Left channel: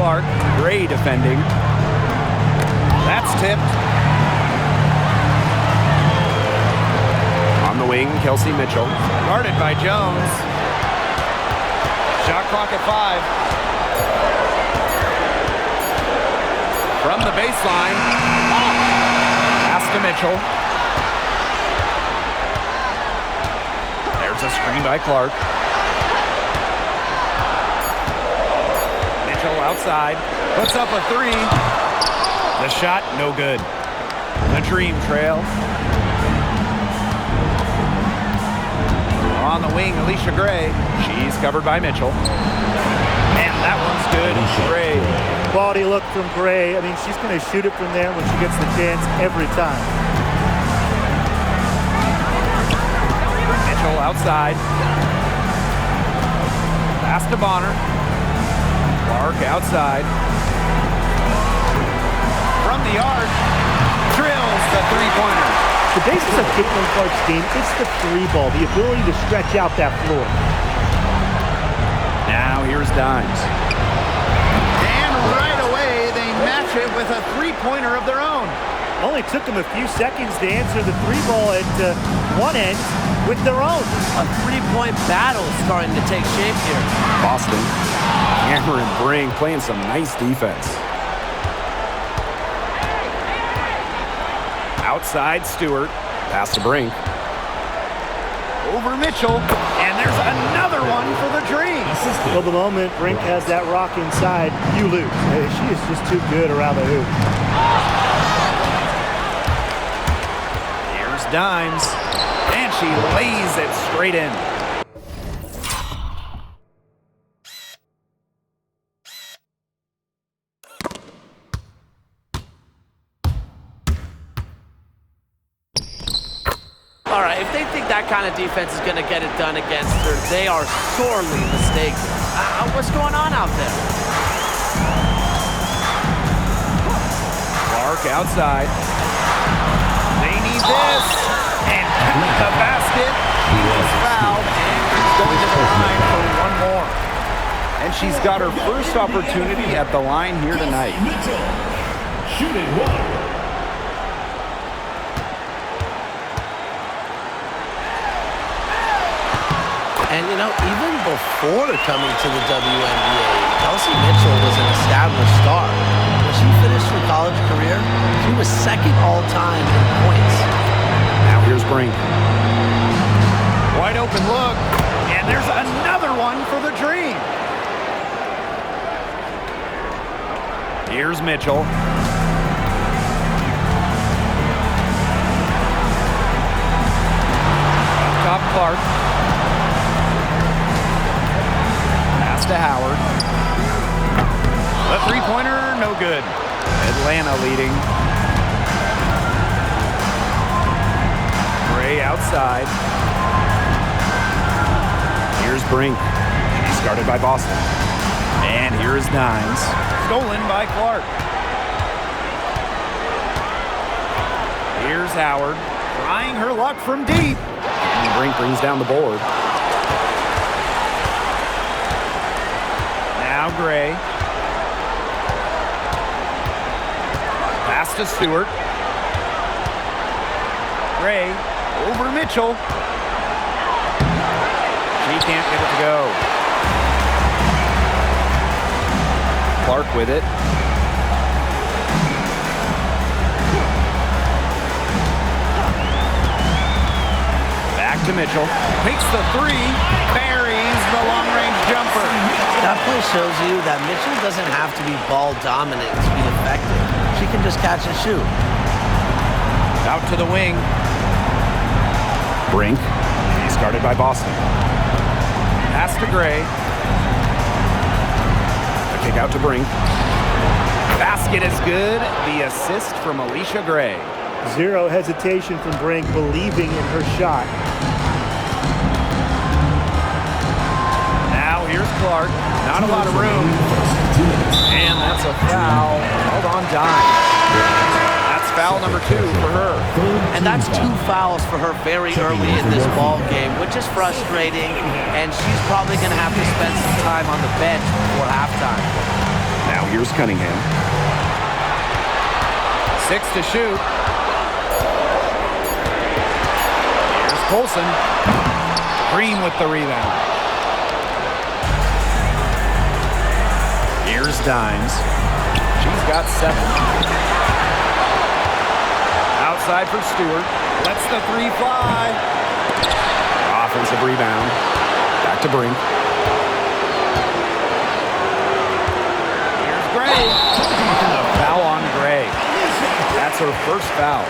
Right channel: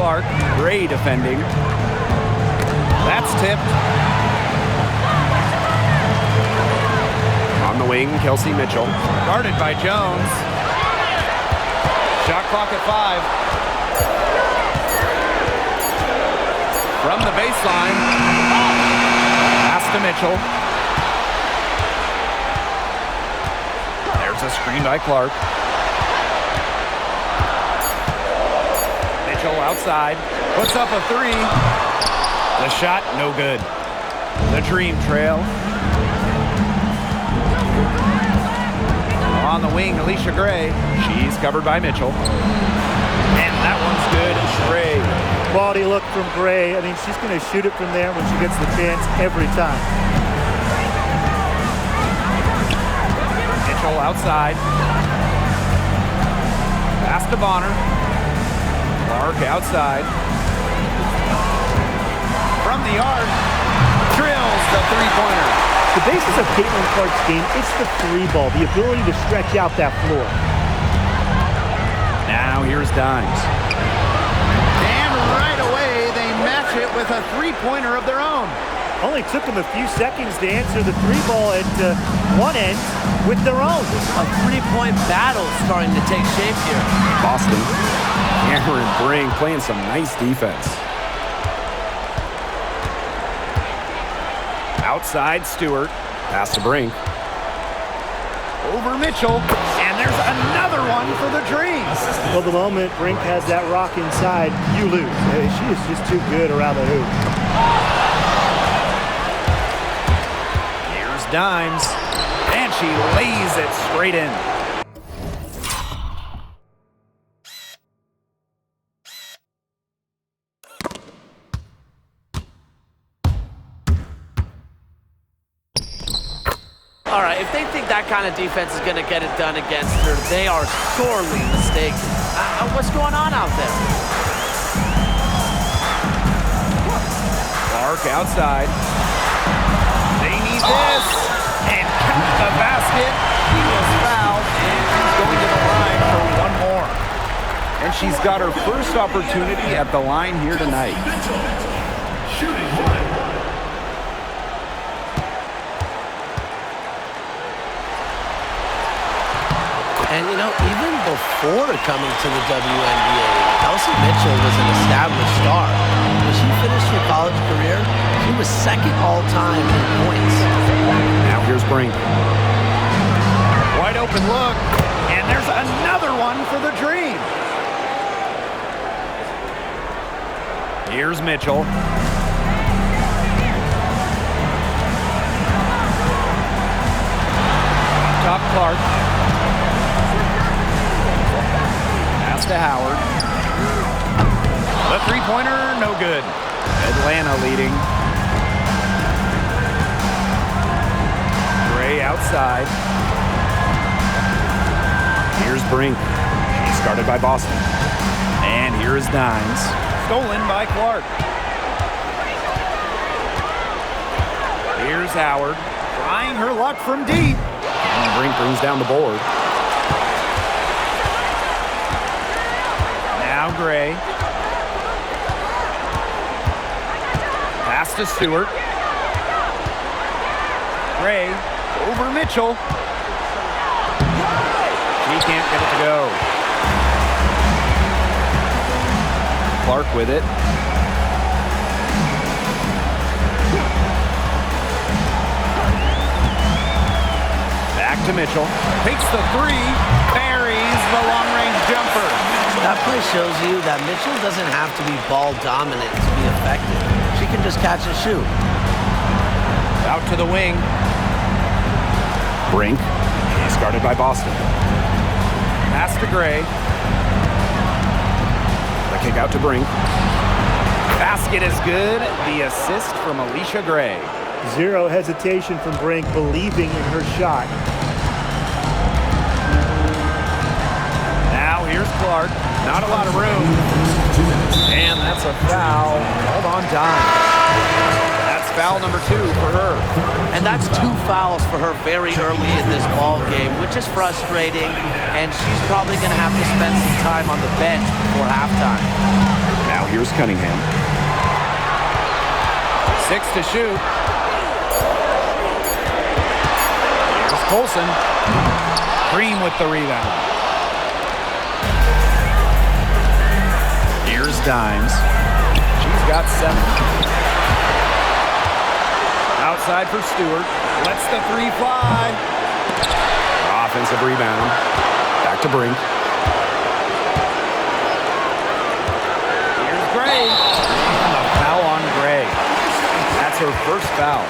Clark. Gray defending. That's tipped. On the wing, Kelsey Mitchell. Guarded by Jones. Shot clock at 5. From the baseline. Pass to Mitchell. There's a screen by Clark. Mitchell outside. Puts up a 3. The shot, no good. The Dream trail. On the wing, Alicia Gray. She's covered by Mitchell. And that one's good. Gray. Quality look from Gray. I mean, she's going to shoot it from there when she gets the chance every time. Mitchell outside. Pass to Bonner. Clark outside. From the yard. Drills the three-pointer. The basis of Caitlin Clark's game, it's the 3-ball, the ability to stretch out that floor. Now here's Dimes. And right away, they match it with a 3-pointer of their own. Only took them a few seconds to answer the 3-ball at one end with their own. A 3-point battle is starting to take shape here. Boston. Cameron Brink playing some nice defense. Outside Stewart. Pass to Brink. Over Mitchell. And there's another one for the Dream. Well, the moment Brink has that rock inside, you lose. She is just too good around the hoop. Here's Dimes. And she lays it straight in. All right, if they think that kind of defense is going to get it done against her, they are sorely mistaken. What's going on out there? Clark outside. They need this. And count the basket. She was fouled, and she's going to the line for one more. And she's got her first opportunity at the line here tonight. Shooting one. And, you know, even before coming to the WNBA, Kelsey Mitchell was an established star. When she finished her college career, she was second all-time in points. Now here's Brink. Wide open look, and there's another one for the Dream. Here's Mitchell. Up top, Clark. Pass to Howard. The three-pointer, no good. Atlanta leading. Gray outside. Here's Brink. She's guarded by Boston. And here's Dimes. Stolen by Clark. Here's Howard. Trying her luck from deep. And Brink brings down the board. Now Gray. Pass to Stewart. Gray over Mitchell. She can't get it to go. Clark with it. Back to Mitchell. Takes the three. Buries the long-range jumper. That play shows you that Mitchell doesn't have to be ball dominant to be effective. She can just catch and shoot. Out to the wing. Brink. She's guarded by Boston. Pass to Gray. The kick out to Brink. Basket is good. The assist from Alicia Gray. Zero hesitation from Brink, believing in her shot. Now here's Clark. Not a lot of room. And that's a foul. Hold on, Dimes. That's foul number 2 for her. And that's 2 fouls for her very early in this ball game, which is frustrating. And she's probably going to have to spend some time on the bench before halftime. Now here's Cunningham. 6 to shoot. Here's Colson. Green with the rebound. Here's Dimes. She's got 7. Outside for Stewart. Lets the 3 fly. Offensive rebound. Back to Brink. Here's Gray. And a foul on Gray. That's her first foul.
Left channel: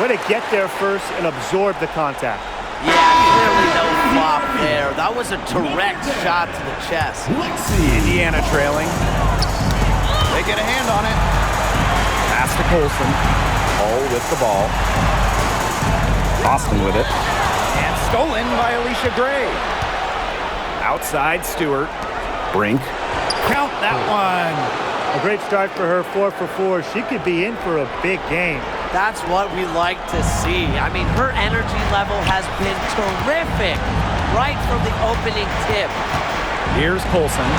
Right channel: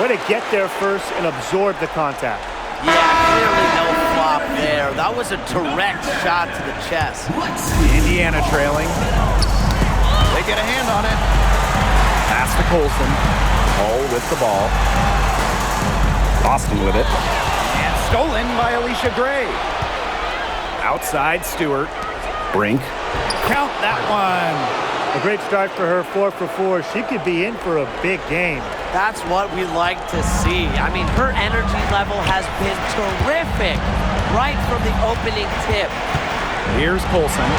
Way to get there first and absorb the contact. Yeah, clearly no flop there. That was a direct shot to the chest. Indiana trailing. They get a hand on it. Pass to Colson. Hull with the ball. Boston with it. And stolen by Alicia Gray. Outside Stewart. Brink. Count that one. A great start for her, 4 for 4. She could be in for a big game. That's what we like to see. I mean, her energy level has been terrific right from the opening tip. Here's Colson.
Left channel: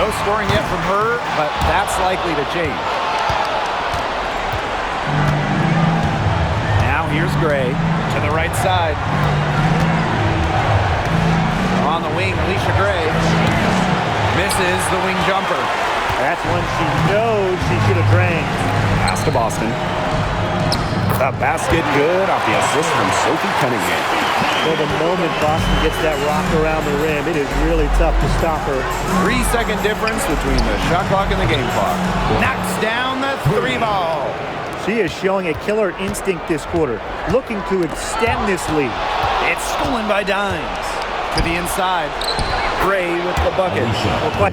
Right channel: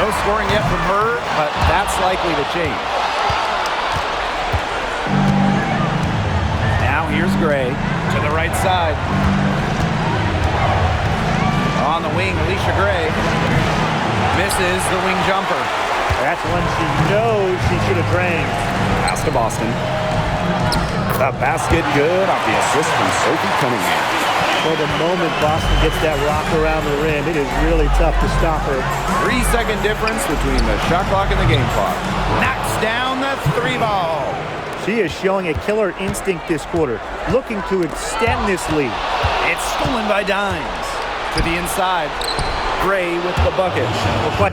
No scoring yet from her, but that's likely to change. Now here's Gray to the right side. On the wing, Alicia Gray misses the wing jumper. That's one she knows she should have drained. Pass to Boston. The basket good off the assist from Sophie Cunningham. Well, the moment Boston gets that rock around the rim, it is really tough to stop her. 3-second difference between the shot clock and the game clock. Knocks down the 3 ball. She is showing a killer instinct this quarter, looking to extend this lead. It's stolen by Dimes. To the inside. Gray with the bucket. Well, quite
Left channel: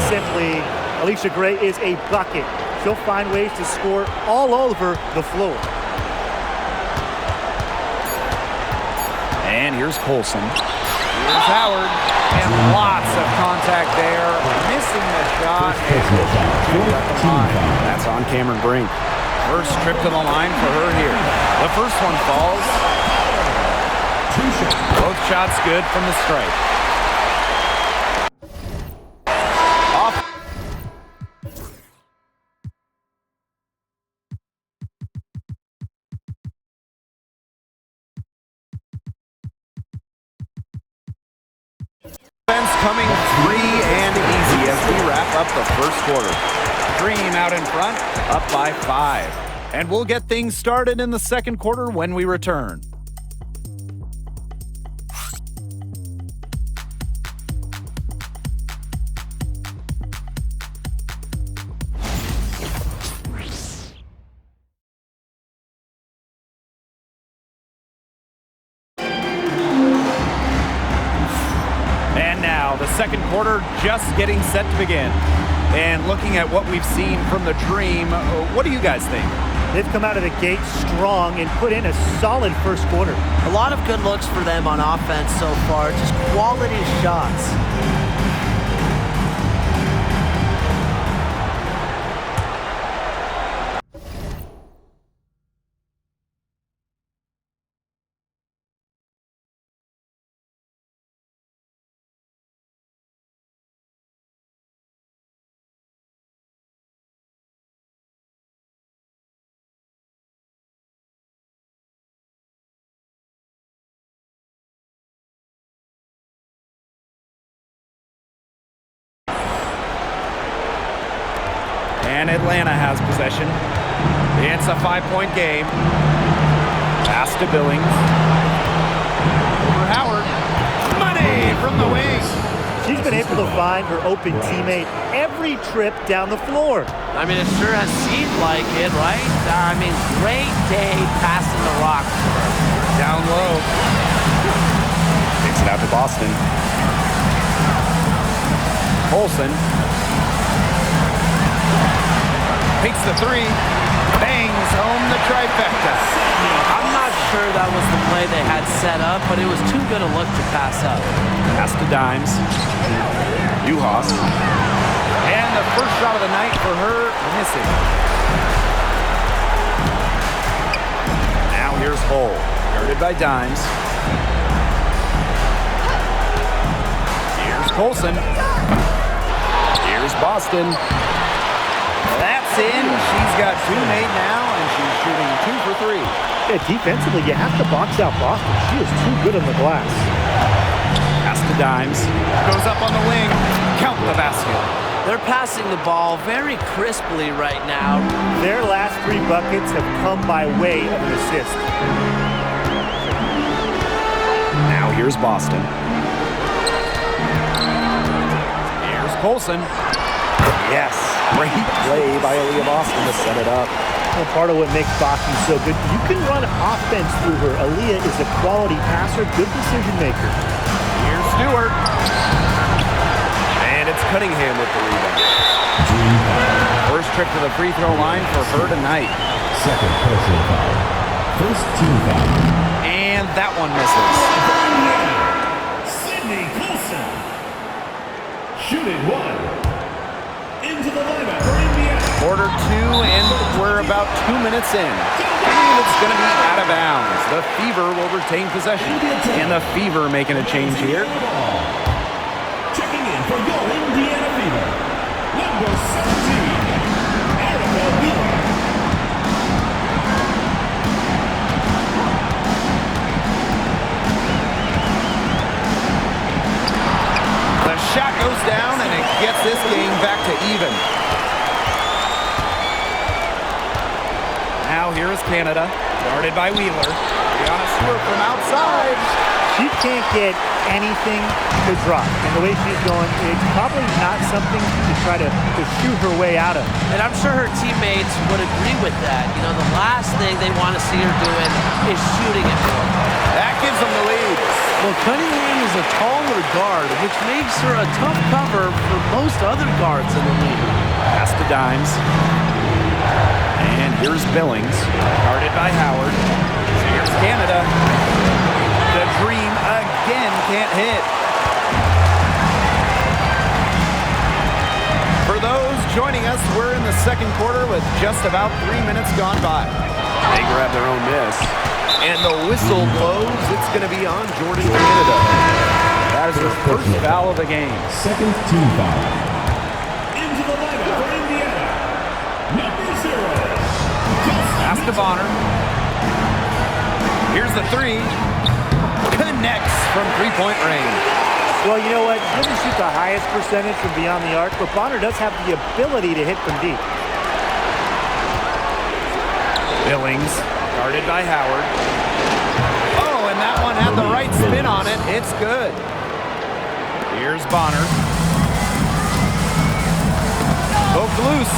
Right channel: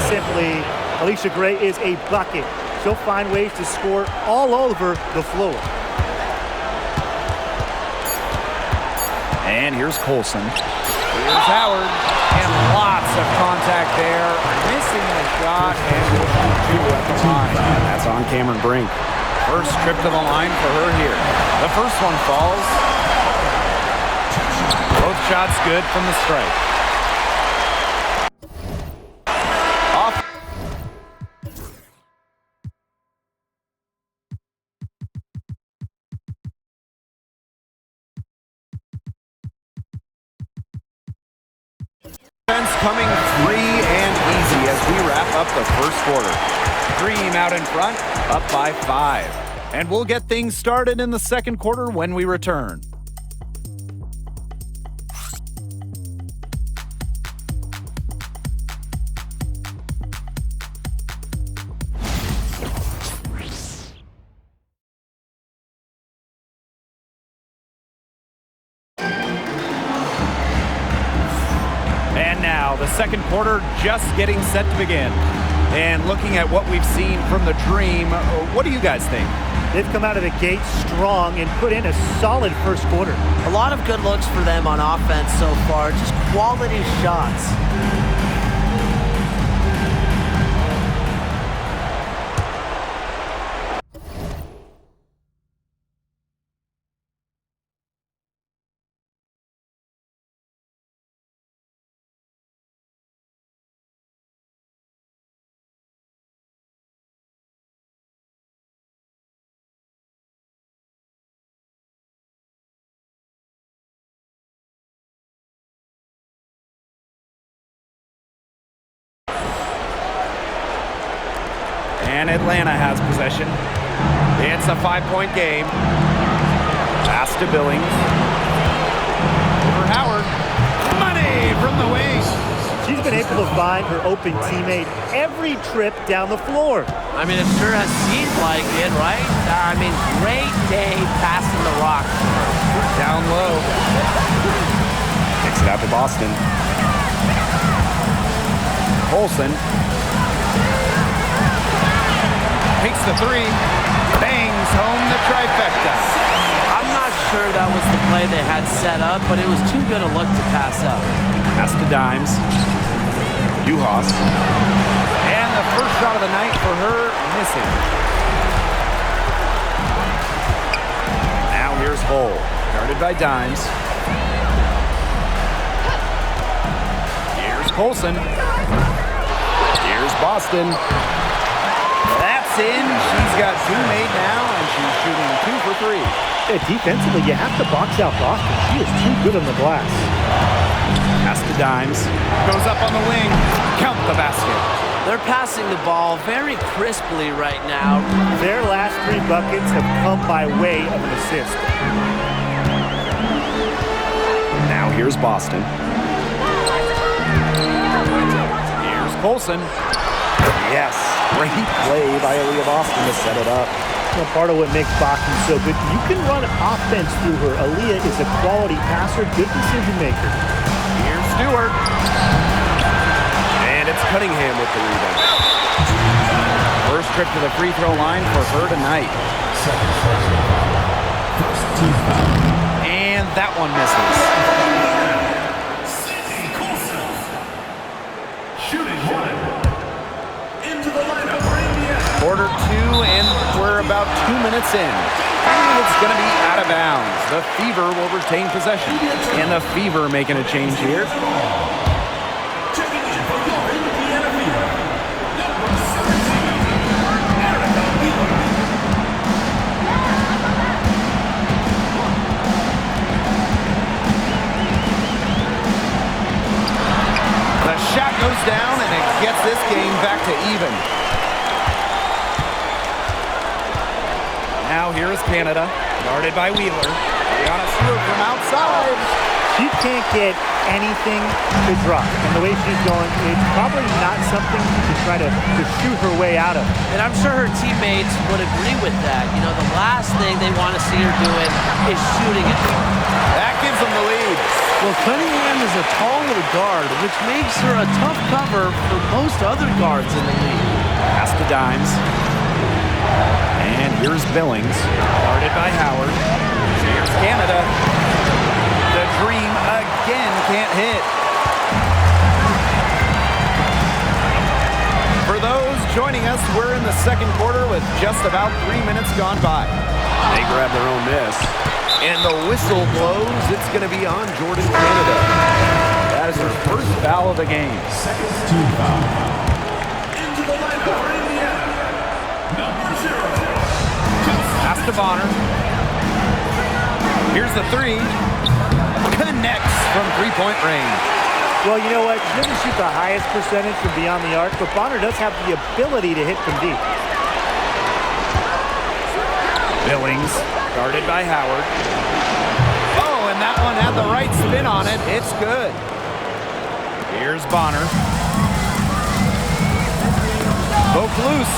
simply, Alicia Gray is a bucket. She'll find ways to score all over the floor. And here's Colson. Here's Howard. And lots of contact there. Missing the shot, and will shoot 2 at the line. That's on Cameron Brink. First trip to the line for her here. The first one falls. Both shots good from the stripe. Off. Coming free and easy as we wrap up the first quarter. Dream out in front, up by 5. And we'll get things started in the second quarter when we return. And now the second quarter just getting set to begin. And looking at what we've seen from the Dream, what do you guys think? They've come out of the gate strong and put in a solid first quarter. A lot of good looks for them on offense so far, just quality shots. And Atlanta has possession. It's a 5-point game. Pass to Billings. Over Howard. Money from the wing. She's been able to find her open teammate every trip down the floor. I mean, it sure has seemed like it, right? I mean, great day passing the rock for her. Down low. Kicks it out to Boston. Colson. Takes the 3. Bangs home the trifecta. I'm not not sure that was the play they had set up, but it was too good a look to pass up. Pass to Dimes. Juhas. And the first shot of the night for her, missing. Now here's Hull, guarded by Dimes. Here's Colson. Here's Boston. That's in. She's got 2 made now, and she's shooting 2 for 3. Yeah, defensively, you have to box out Boston. She is too good on the glass. Pass to Dimes. Goes up on the wing. Count the basket. They're passing the ball very crisply right now. Their last 3 buckets have come by way of an assist. Now here's Boston. Here's Colson. Yes, great play by Aaliyah Boston to set it up. Well, part of what makes Boston so good, you can run offense through her. Aaliyah is a quality passer, good decision maker. Here's Stewart. And it's Cunningham with the rebound. First trip to the free throw line for her tonight. Second personal foul. First team foul. And that one misses. Sydney Colson. Shooting 1. Into the lineup for Indiana. Quarter 2, and we're about 2 minutes in. And it's going to be out of bounds. The Fever will retain possession. And the Fever making a change here. Checking in for your Indiana Fever. Number 17, Erica Wheeler. The shot goes down, and it gets this game back to even. Now here is Canada, guarded by Wheeler. Brianna Stewart from outside. She can't get anything to drop. And the way she's going, it's probably not something she can try to shoot her way out of. And I'm sure her teammates would agree with that. You know, the last thing they want to see her doing is shooting it for them. That gives them the lead. Well, Cunningham is a taller guard, which makes her a tough cover for most other guards in the league. Pass to Dimes. And here's Billings, guarded by Howard. Here's Canada. The Dream again can't hit. For those joining us, we're in the second quarter with just about 3 minutes gone by. They grab their own miss. And the whistle blows. It's going to be on Jordan Canada. That is her first foul of the game. Second team foul. Into the lineup for Indiana. Number 0. Pass to Bonner. Here's the 3. Connects from three-point range. Well, you know what? She doesn't shoot the highest percentage from beyond the arc, but Bonner does have the ability to hit from deep. Billings, guarded by Howard. Oh, and that one had the right spin on it. It's good. Here's Bonner. Poked loose.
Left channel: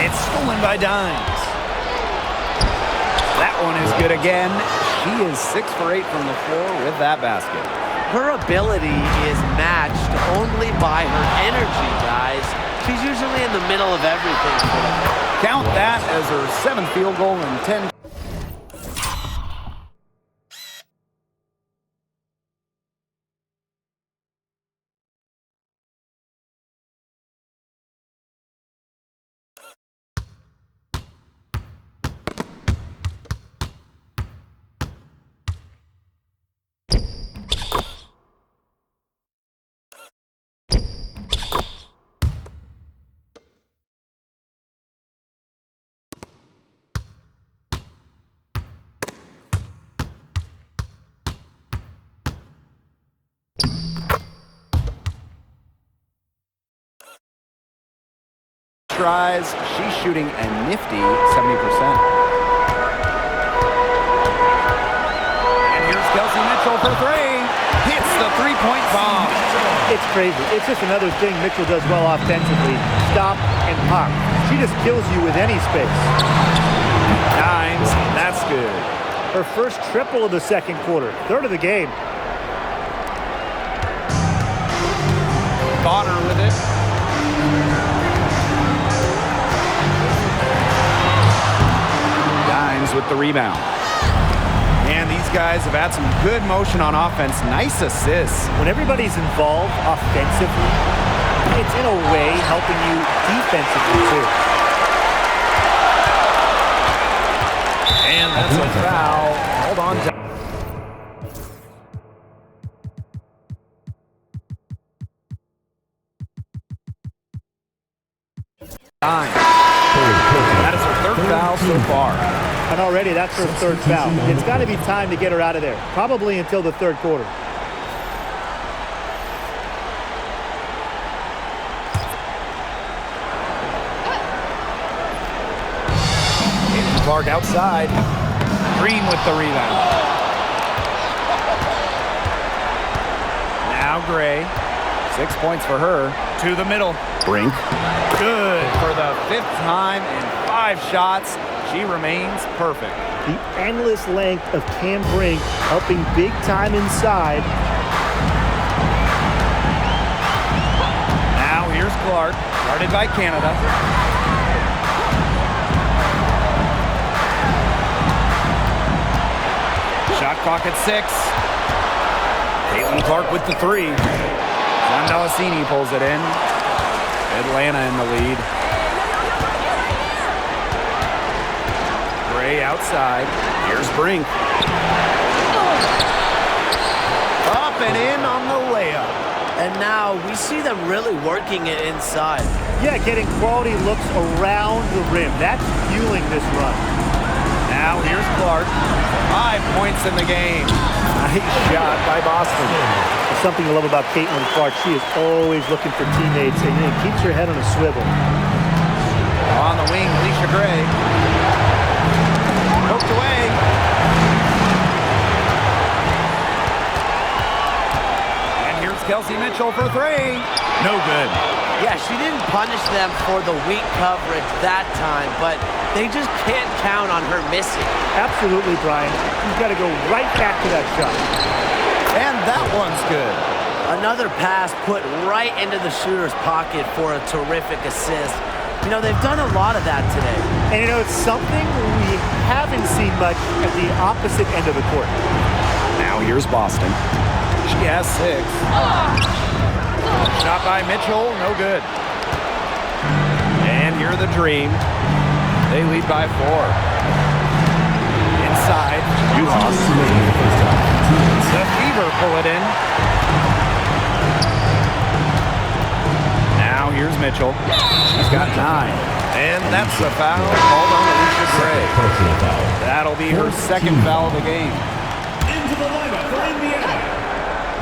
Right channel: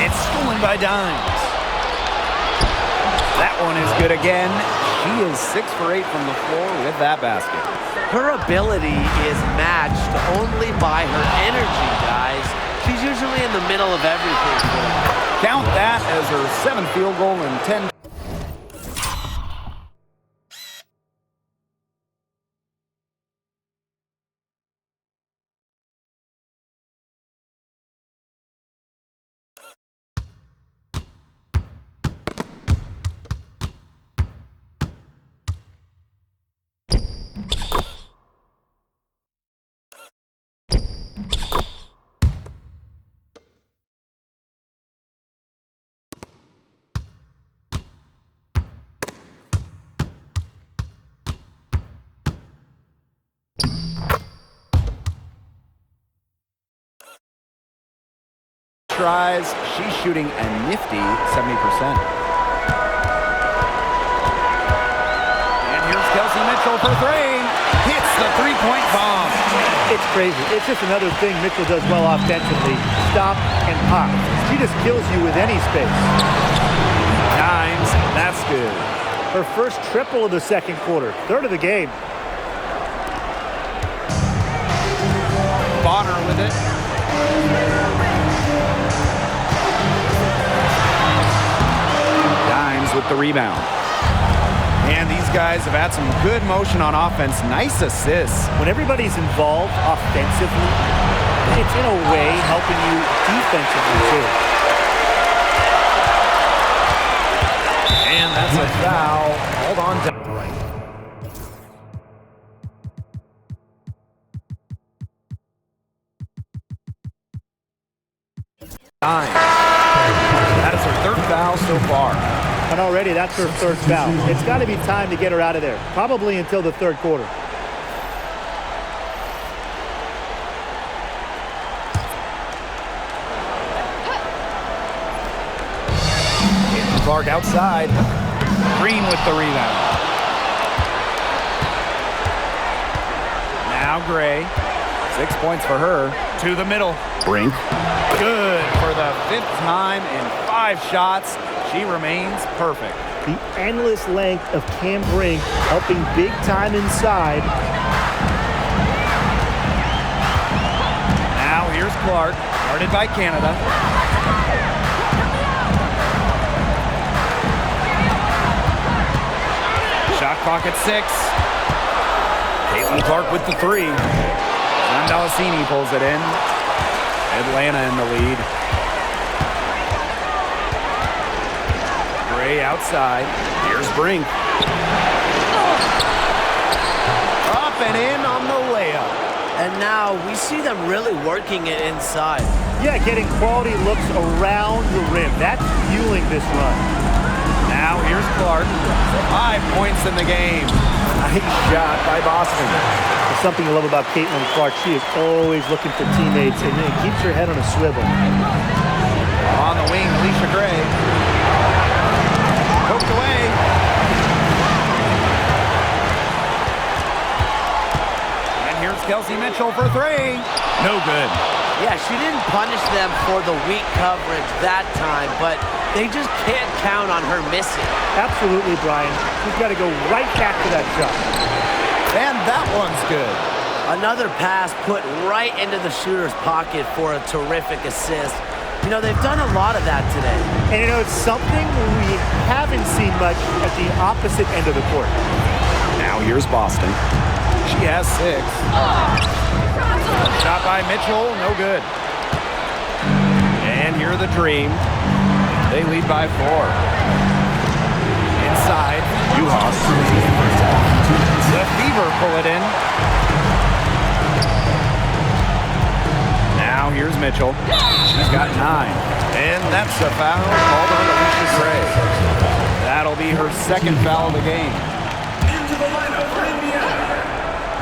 It's stolen by Dimes. That one is good again. She is 6 for 8 from the floor with that basket. Her ability is matched only by her energy, guys. She's usually in the middle of everything for them. Count that as her 7th field goal in 10. Tries. She's shooting a nifty 70%. And here's Kelsey Mitchell for 3. Hits the three-point bomb. It's crazy. It's just another thing Mitchell does well offensively. Stop and pop. She just kills you with any space. Dimes. That's good. Her first triple of the second quarter. Third of the game. Bonner with it. Dimes with the rebound. Man, these guys have had some good motion on offense. Nice assists. When everybody's involved offensively, it's in a way helping you defensively too. And that's a foul. Hold on to... That is her third foul so far. And already that's her third foul. It's got to be time to get her out of there, probably until the third quarter. Clark outside. Green with the rebound. Now Gray. 6 points for her. To the middle. Brink. Good for the 5th time in 5 shots. She remains perfect. The endless length of Cam Brink helping big time inside. Now here's Clark. Guarded by Canada. Shot clock at 6. Caitlin Clark with the 3. Zandalasini pulls it in. Atlanta in the lead. Gray outside. Here's Brink. Up and in on the layup. And now we see them really working it inside. Yeah, getting quality looks around the rim. That's fueling this run. Now here's Clark. 5 points in the game. Nice shot by Boston. There's something I love about Caitlin Clark. She is always looking for teammates and keeps her head on a swivel. On the wing, Alicia Gray. Poked away. And here's Kelsey Mitchell for 3. No good. Yeah, she didn't punish them for the weak coverage that time, but they just can't count on her missing. Absolutely, Brian. She's got to go right back to that shot. And that one's good. Another pass put right into the shooter's pocket for a terrific assist. You know, they've done a lot of that today. And you know, it's something we haven't seen much at the opposite end of the court. Now here's Boston. She has 6. Shot by Mitchell, no good. And here the Dream. They lead by 4. Inside, Juhas. The Fever pull it in. Now here's Mitchell. She's got 9. And that's a foul called on Alicia Gray. That'll be her 2nd foul of the game. Into the lineup for Indiana,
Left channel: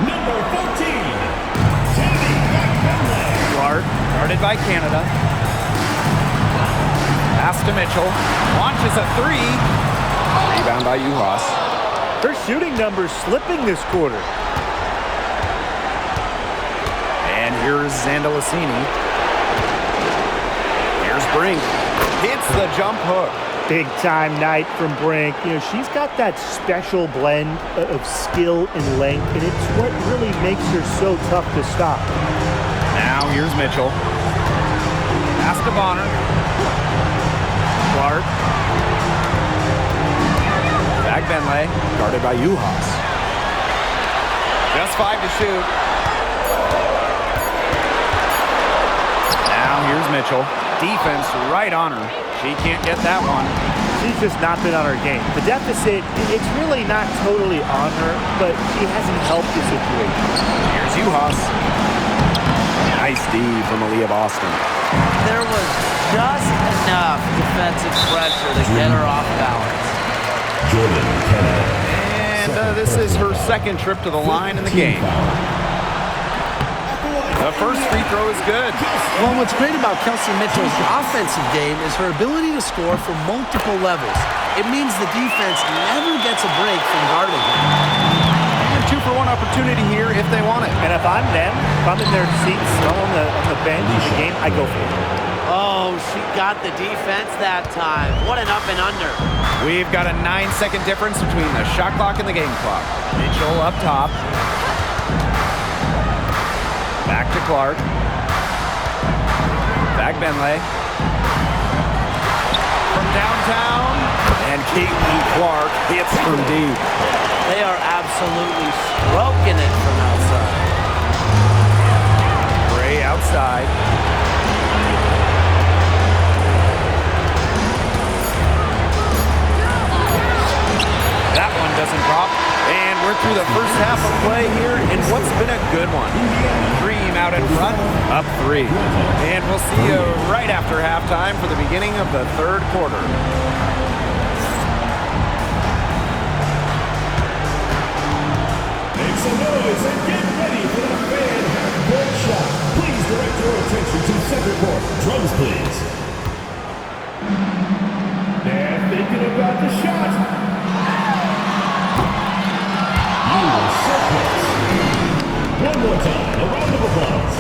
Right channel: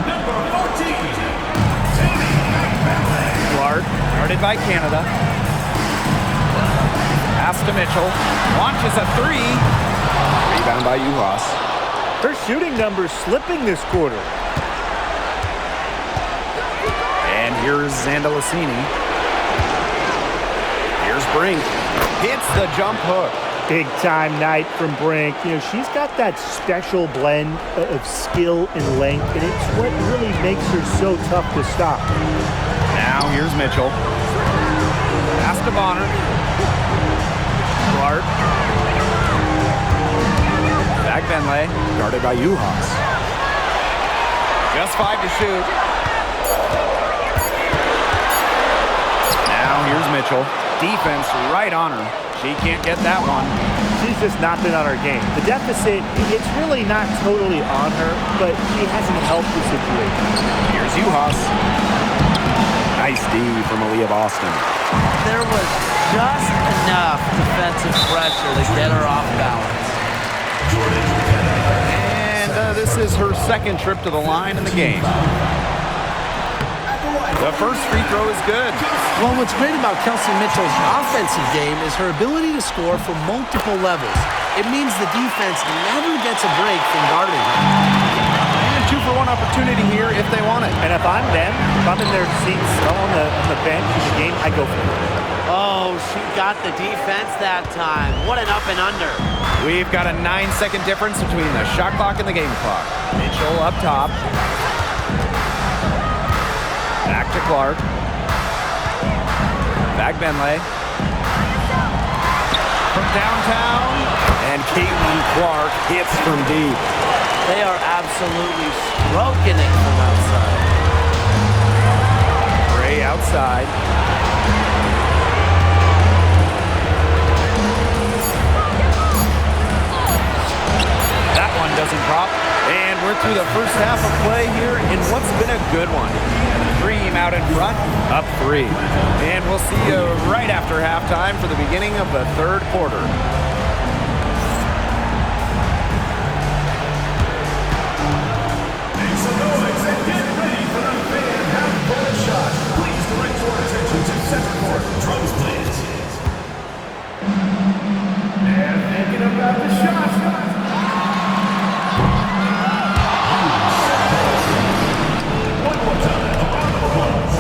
number 14, Tammy Bentley. Clark, guarded by Canada. Pass to Mitchell. Launches a 3. Rebound by Juhas. Her shooting numbers slipping this quarter. And here's Zandalasini. Here's Brink. Hits the jump hook. Big time night from Brink. You know, she's got that special blend of skill and length, and it's what really makes her so tough to stop. Now here's Mitchell. Pass to Bonner. Clark. Zach Bentley, guarded by Juhas. Just 5 to shoot. Now here's Mitchell. Defense right on her. She can't get that one. She's just not been on her game. The deficit, it's really not totally on her, but she hasn't helped the situation. Here's Juhas. Nice D from Aaliyah Boston. There was just enough defensive pressure to get her off balance. Jordan Canada. And this is her 2nd trip to the line in the game. The first free throw is good. Well, what's great about Kelsey Mitchell's offensive game is her ability to score from multiple levels. It means the defense never gets a break from guarding her. And 2-for-1 opportunity here if they want it. And if I'm them, if I'm in their seats on the bench in the game, I go for it. Oh, she got the defense that time. What an up and under. We've got a 9-second difference between the shot clock and the game clock. Mitchell up top. Back to Clark. Back Bentley. From downtown. And Caitlin Clark hits from deep. They are absolutely stroking it from outside. Gray outside. That one doesn't drop. And we're through the first half of play here in what's been a good one. Dream out in front, up 3. And we'll see you right after halftime for the beginning of the third quarter. Make some noise and get ready for the fan half-court shot. Please direct your attention to center court. Drums, please. And thinking about the shot. One more time, a round of applause.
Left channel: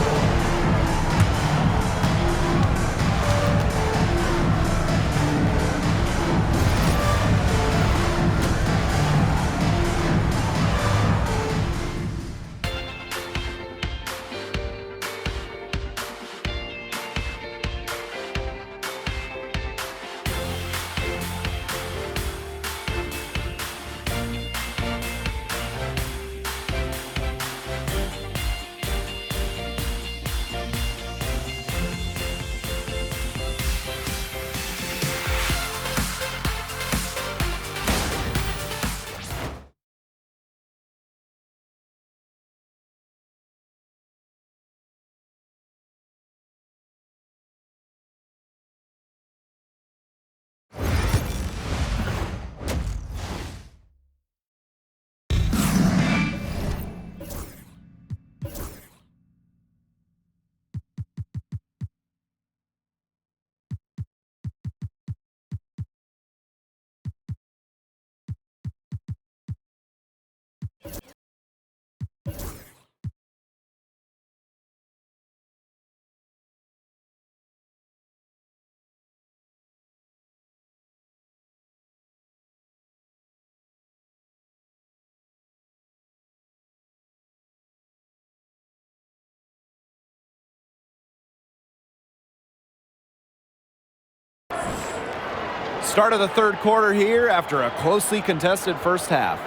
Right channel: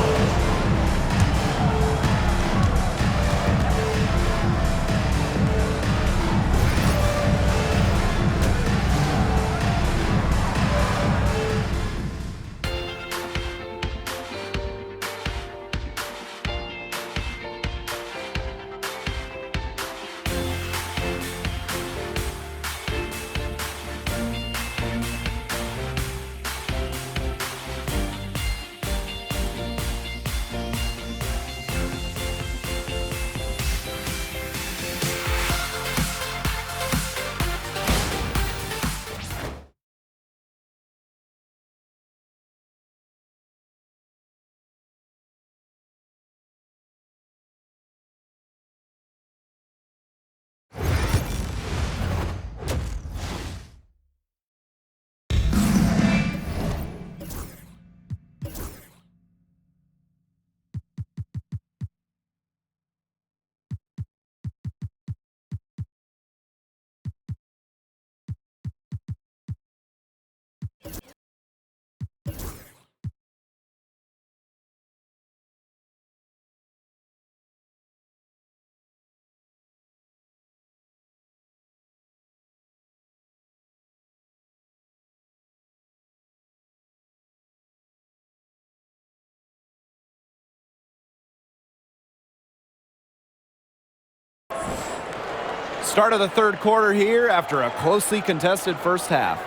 Start of the third quarter here after a closely contested first half.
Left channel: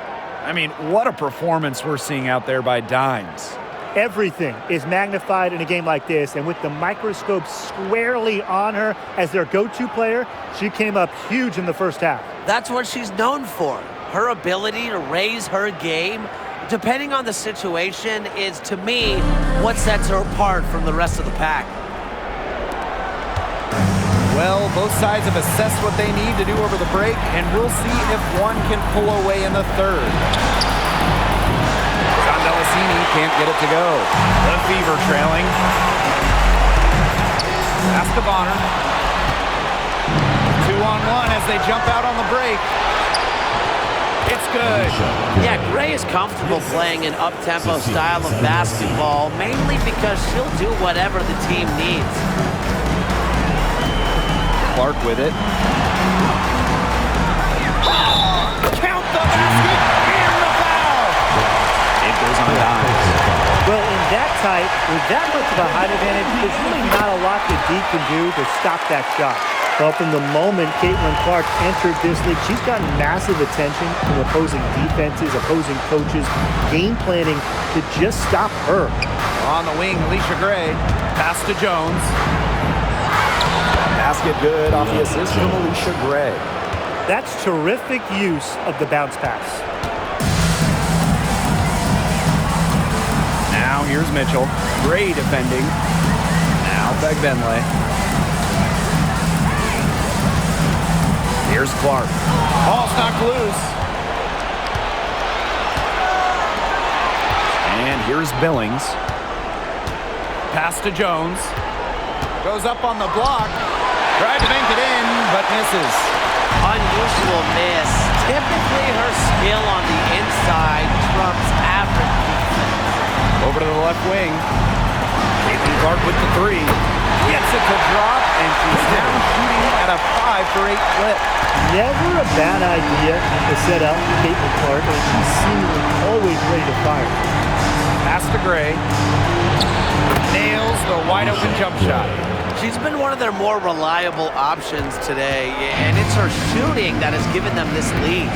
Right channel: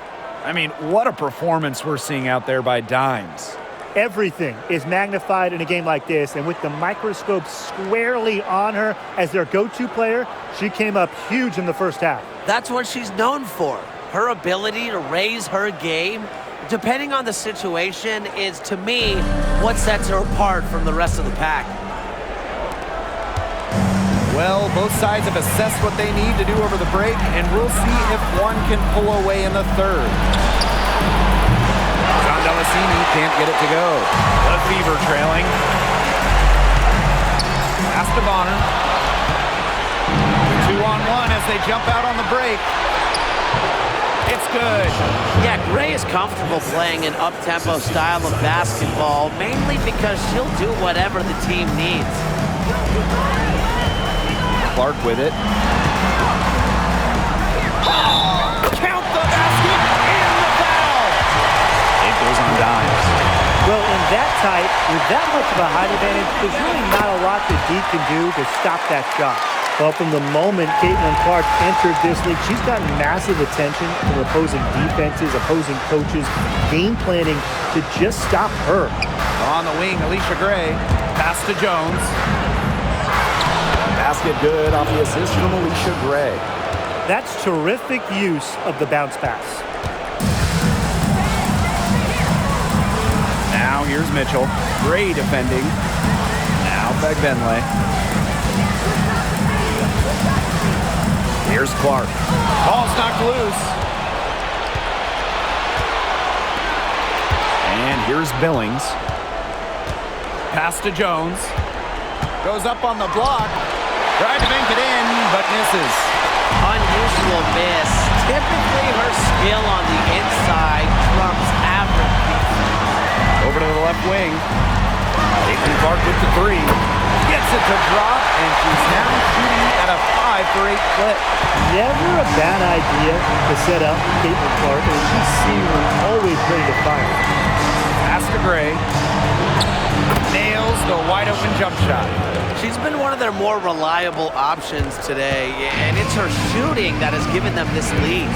I mean, what a performance we're seeing out there by Dimes. Everything is magnified in a game like this, and with the microscope squarely on her as their go-to player, she came up huge in the first half. That's what she's known for. Her ability to raise her game, depending on the situation, is, to me, what sets her apart from the rest of the pack. Well, both sides have assessed what they need to do over the break, and we'll see if one can pull away in the third. John Delasini can't get it to go. The Fever trailing. Pass to Bonner. 2-on-1 as they jump out on the break. It's good. Yeah, Gray is comfortable playing an up-tempo style of basketball, mainly because she'll do whatever the team needs. Clark with it. Count the basket and the foul. It goes on Dimes. Well, in that tight, with that much of a height advantage, there's really not a lot that Dee can do to stop that shot. Well, from the moment Caitlin Clark entered this league, she's gotten massive attention from opposing defenses, opposing coaches, game planning to just stop her. On the wing, Alicia Gray. Pass to Jones. Basket good off the assist from Alicia Gray. That's terrific use of the bounce pass. Now here's Mitchell. Gray defending. Now Begbenle. Here's Clark. Ball's knocked loose. And here's Billings. Pass to Jones. Goes up on the block. Tried to bank it in, but misses. Unusual miss. Typically, her skill on the inside trumps average defense. Over to the left wing. Caitlin Clark with the three. Gets it to drop, and she's now shooting at a 5-for-8 clip. Never a bad idea to set up Caitlin Clark, and she's seemingly always ready to fire. Pass to Gray. Nails the wide-open jump shot. She's been one of their more reliable options today, and it's her shooting that has given them this lead.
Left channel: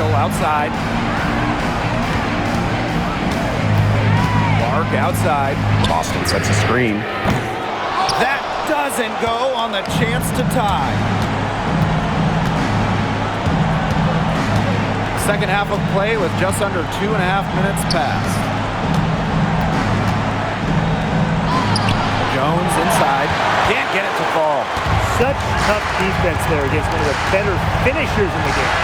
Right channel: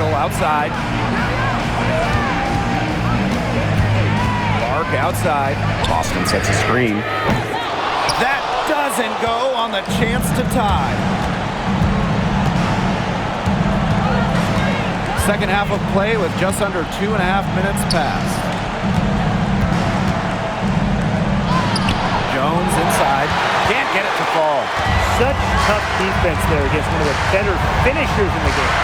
Mitchell outside. Clark outside. Boston sets a screen. That doesn't go on the chance to tie. Second half of play with just under 2.5 minutes passed. Jones inside. Can't get it to fall. Such tough defense there against one of the better finishers in the game.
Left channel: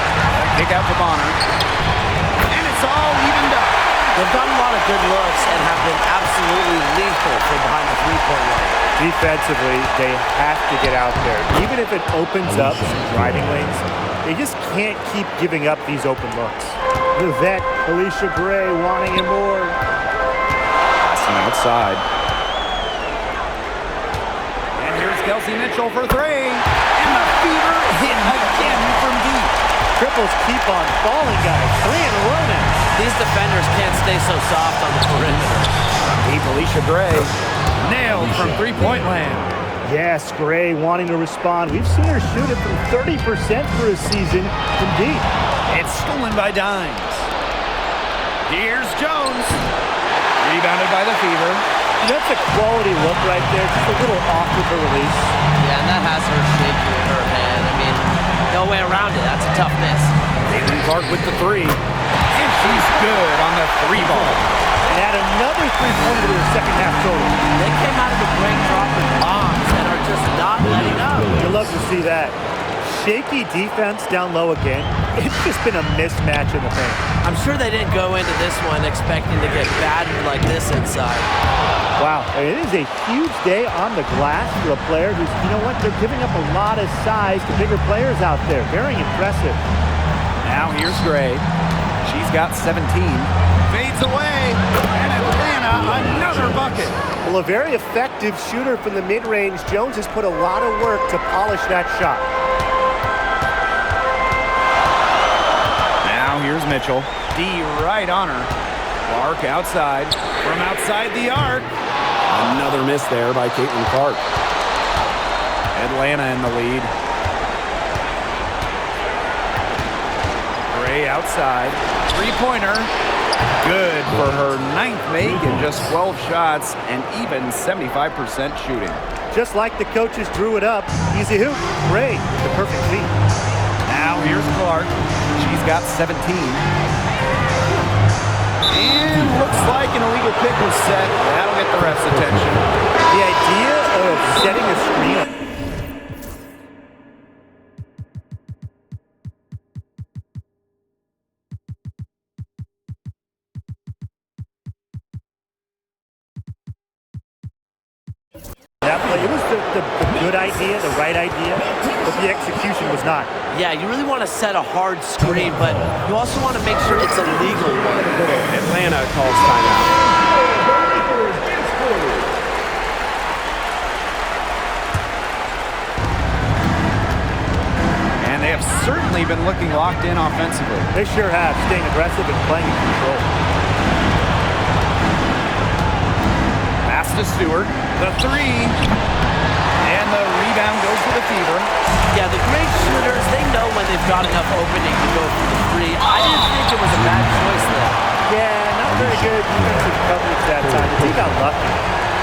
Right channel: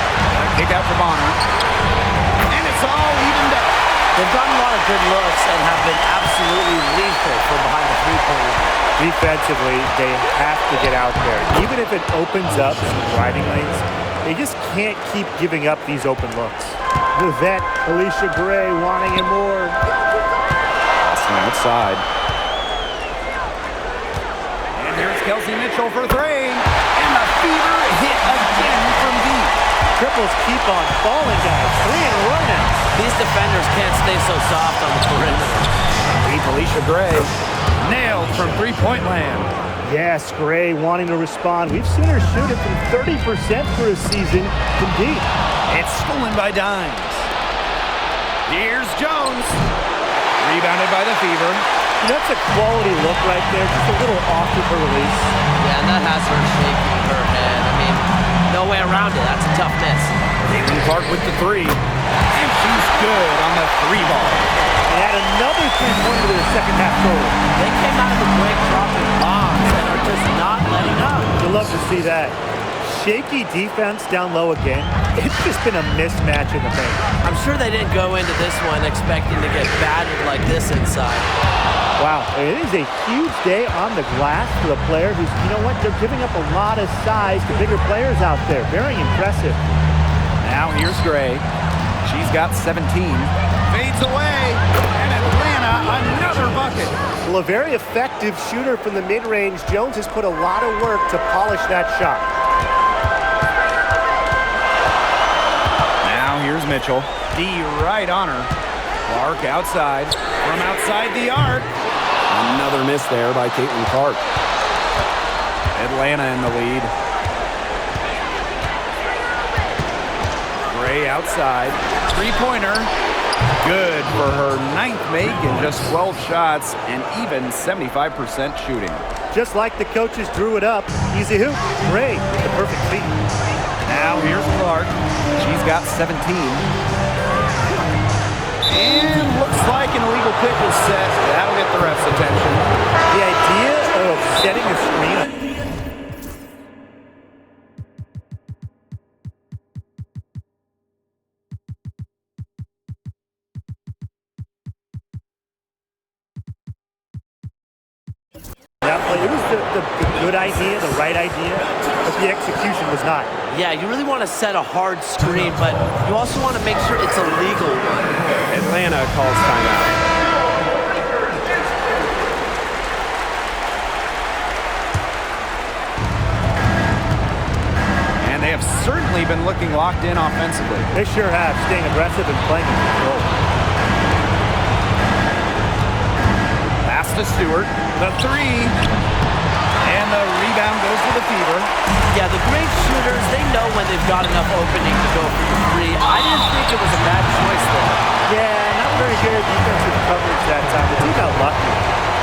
Kick out to Bonner. And it's all evened up. They've gotten a lot of good looks and have been absolutely lethal from behind the three-point line. Defensively, they have to get out there. Even if it opens up some driving lanes, they just can't keep giving up these open looks. The vet, Alicia Gray, wanting it more. Passing outside. And here's Kelsey Mitchell for three. And the Fever hit again from deep. Triples keep on falling, guys. 3 in a row now. These defenders can't stay so soft on the perimeter. Deep, Alicia Gray. Nailed from three-point land. Yes, Gray wanting to respond. We've seen her shoot it from 30% for a season from deep. It's stolen by Dimes. Here's Jones. Rebounded by the Fever. That's a quality look right there. Just a little off with her release. Yeah, and that has her shaking her head. I mean, no way around it. That's a tough miss. Caitlin Clark with the three. And she's good on the three ball. And add another three-pointer to their second half total. They came out of the break dropping bombs and are just not letting up. You'll love to see that. Shaky defense down low again. It's just been a mismatch in the paint. I'm sure they didn't go into this one expecting to get battered like this inside. Wow, it is a huge day on the glass for a player who's, you know what, they're giving up a lot of size to bigger players out there. Very impressive. Now here's Gray. She's got 17. Fades away. And Atlanta, another bucket. Well, a very effective shooter from the mid-range. Jones has put a lot of work to polish that shot. Now here's Mitchell. D right on her. Clark outside. From outside the arc. Another miss there by Caitlin Clark. Atlanta in the lead. Gray outside. Three-pointer. Good for her 9th make in just 12 shots and even 75% shooting. Just like the coaches drew it up. Easy hoop. Gray with the perfect feet. Now here's Clark. She's got 17. And looks like an illegal pick was set. That'll get the ref's attention. The idea of setting a screen up. That play, it was the good idea, the right idea, but the execution was not. Yeah, you really want to set a hard screen, but you also want to make sure it's a legal one. Atlanta calls timeout. And they have certainly been looking locked in offensively. They sure have, staying aggressive and playing in control. Pass to Stewart. The three. And the rebound goes to the Fever. Yeah, the great shooters, they know when they've got enough opening to go for the three. I didn't think it was a bad choice there. Yeah, not very good defensive coverage that time. The team got lucky.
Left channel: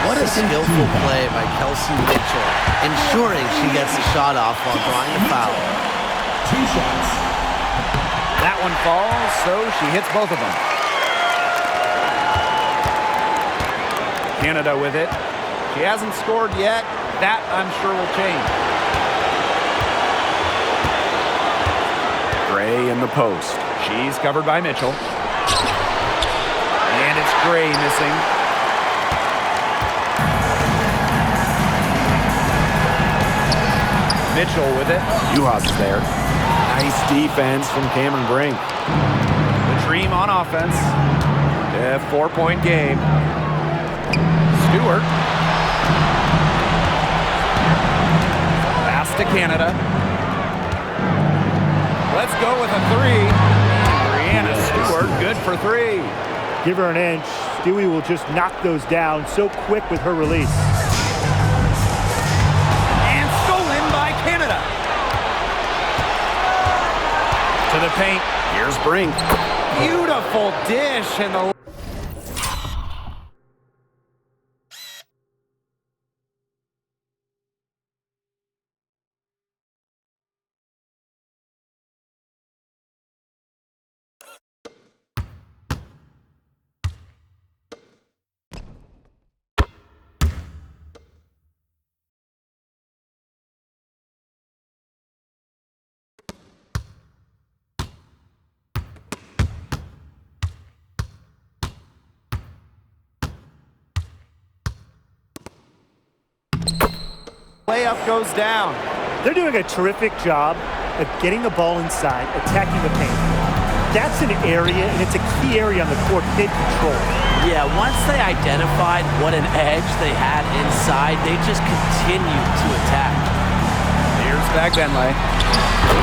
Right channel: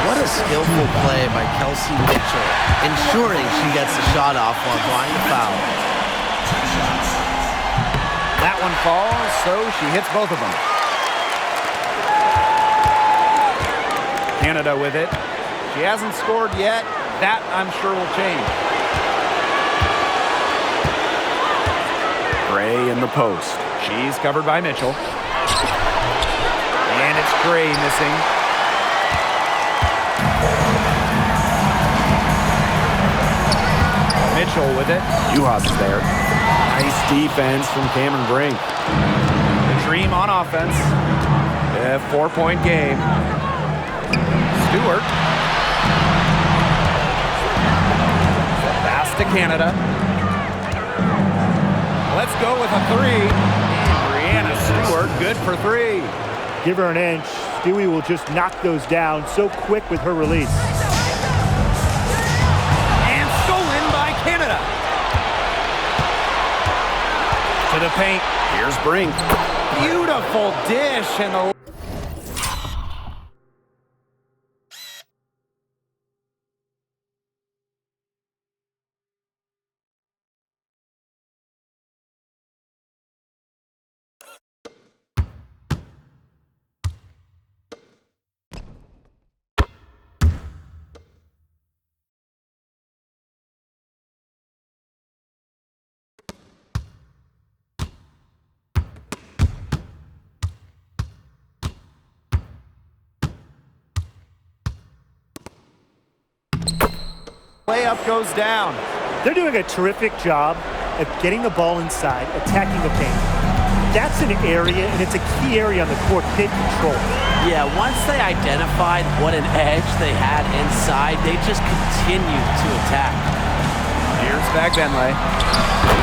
What a skillful play by Kelsey Mitchell, ensuring she gets the shot off while drawing the foul. 2 shots. That one falls, so she hits both of them. Canada with it. She hasn't scored yet. That, I'm sure, will change. Gray in the post. She's covered by Mitchell. And it's Gray missing. Mitchell with it. Uhas is there. Nice defense from Cameron Brink. The Dream on offense. A 4-point game. Stewart. Pass to Canada. Let's go with a three. And Brianna Stewart, good for three. Give her an inch. Stewie will just knock those down so quick with her release. And stolen by Canada. To the paint. Here's Brink. Beautiful dish, and the layup goes down. They're doing a terrific job of getting the ball inside, attacking the paint. That's an area, and it's a key area on the court they control. Yeah, once they identified what an edge they had inside, they just continued to attack. Here's Fagbenle.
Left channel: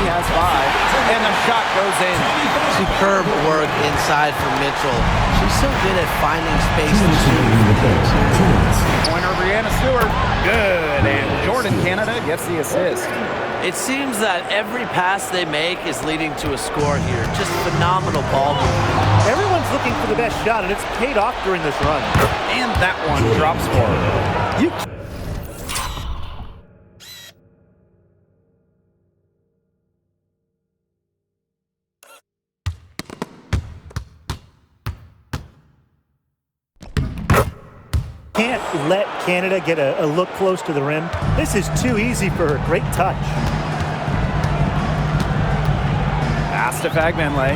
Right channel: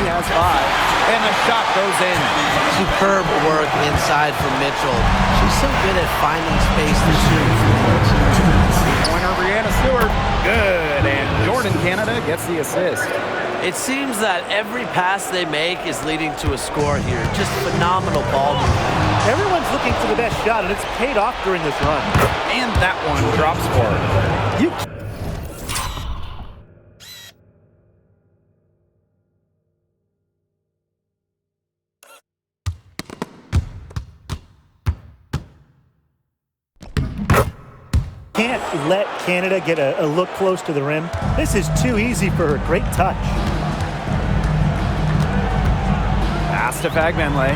He has 5, and the shot goes in. Superb work inside from Mitchell. She's so good at finding space to shoot from the interior. Three-pointer, Breanna Stewart. Good, and Jordan Canada gets the assist. It seems that every pass they make is leading to a score here. Just phenomenal ball movement. Everyone's looking for the best shot, and it's paid off during this run. And that one drops for her. You can't let Canada get a look close to the rim. This is too easy for her. Great touch. Pass to Fagbenle.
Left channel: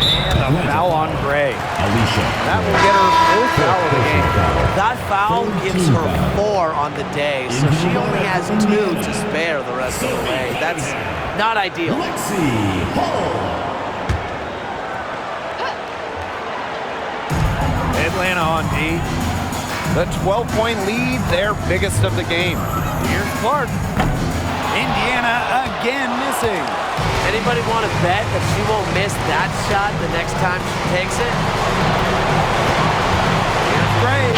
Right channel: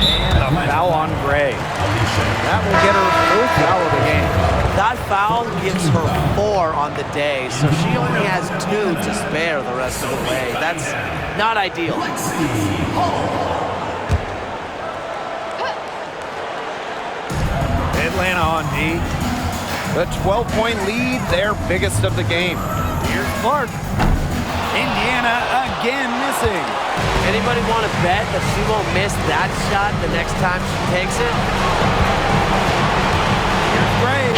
And a foul on Gray. That will get her 4th foul of the game. That foul gives her 4 on the day, so she only has 2 to spare the rest of the way. That's not ideal. Atlanta on D. The 12-point lead, their biggest of the game. Here's Clark. Indiana again missing. Anybody want to bet that she won't miss that shot the next time she takes it? Here's Gray.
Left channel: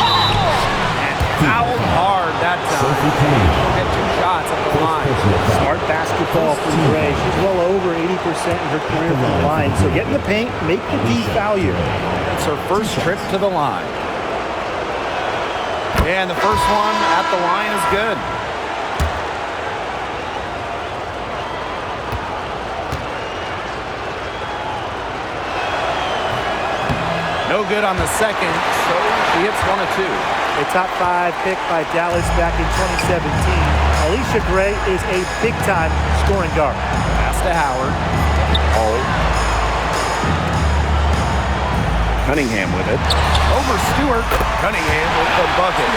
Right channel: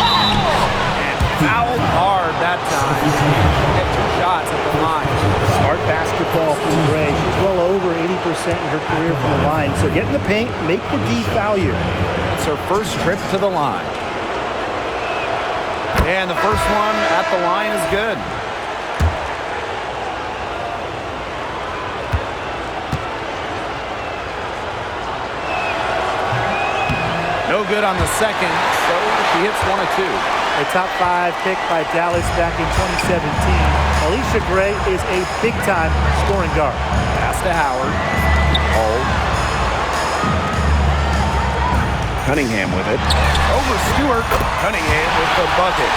And fouled hard that time. She'll get 2 shots at the line. Smart basketball from Gray. She's well over 80% in her career from the line. So get in the paint, make the D foul you. That's her first trip to the line. And the first one at the line is good. No good on the second, so she hits 1 of 2. A top 5 pick by Dallas back in 2017. Alicia Gray is a big-time scoring guard. Pass to Howard. Hold. Cunningham with it. Over Stewart. Cunningham with the bucket.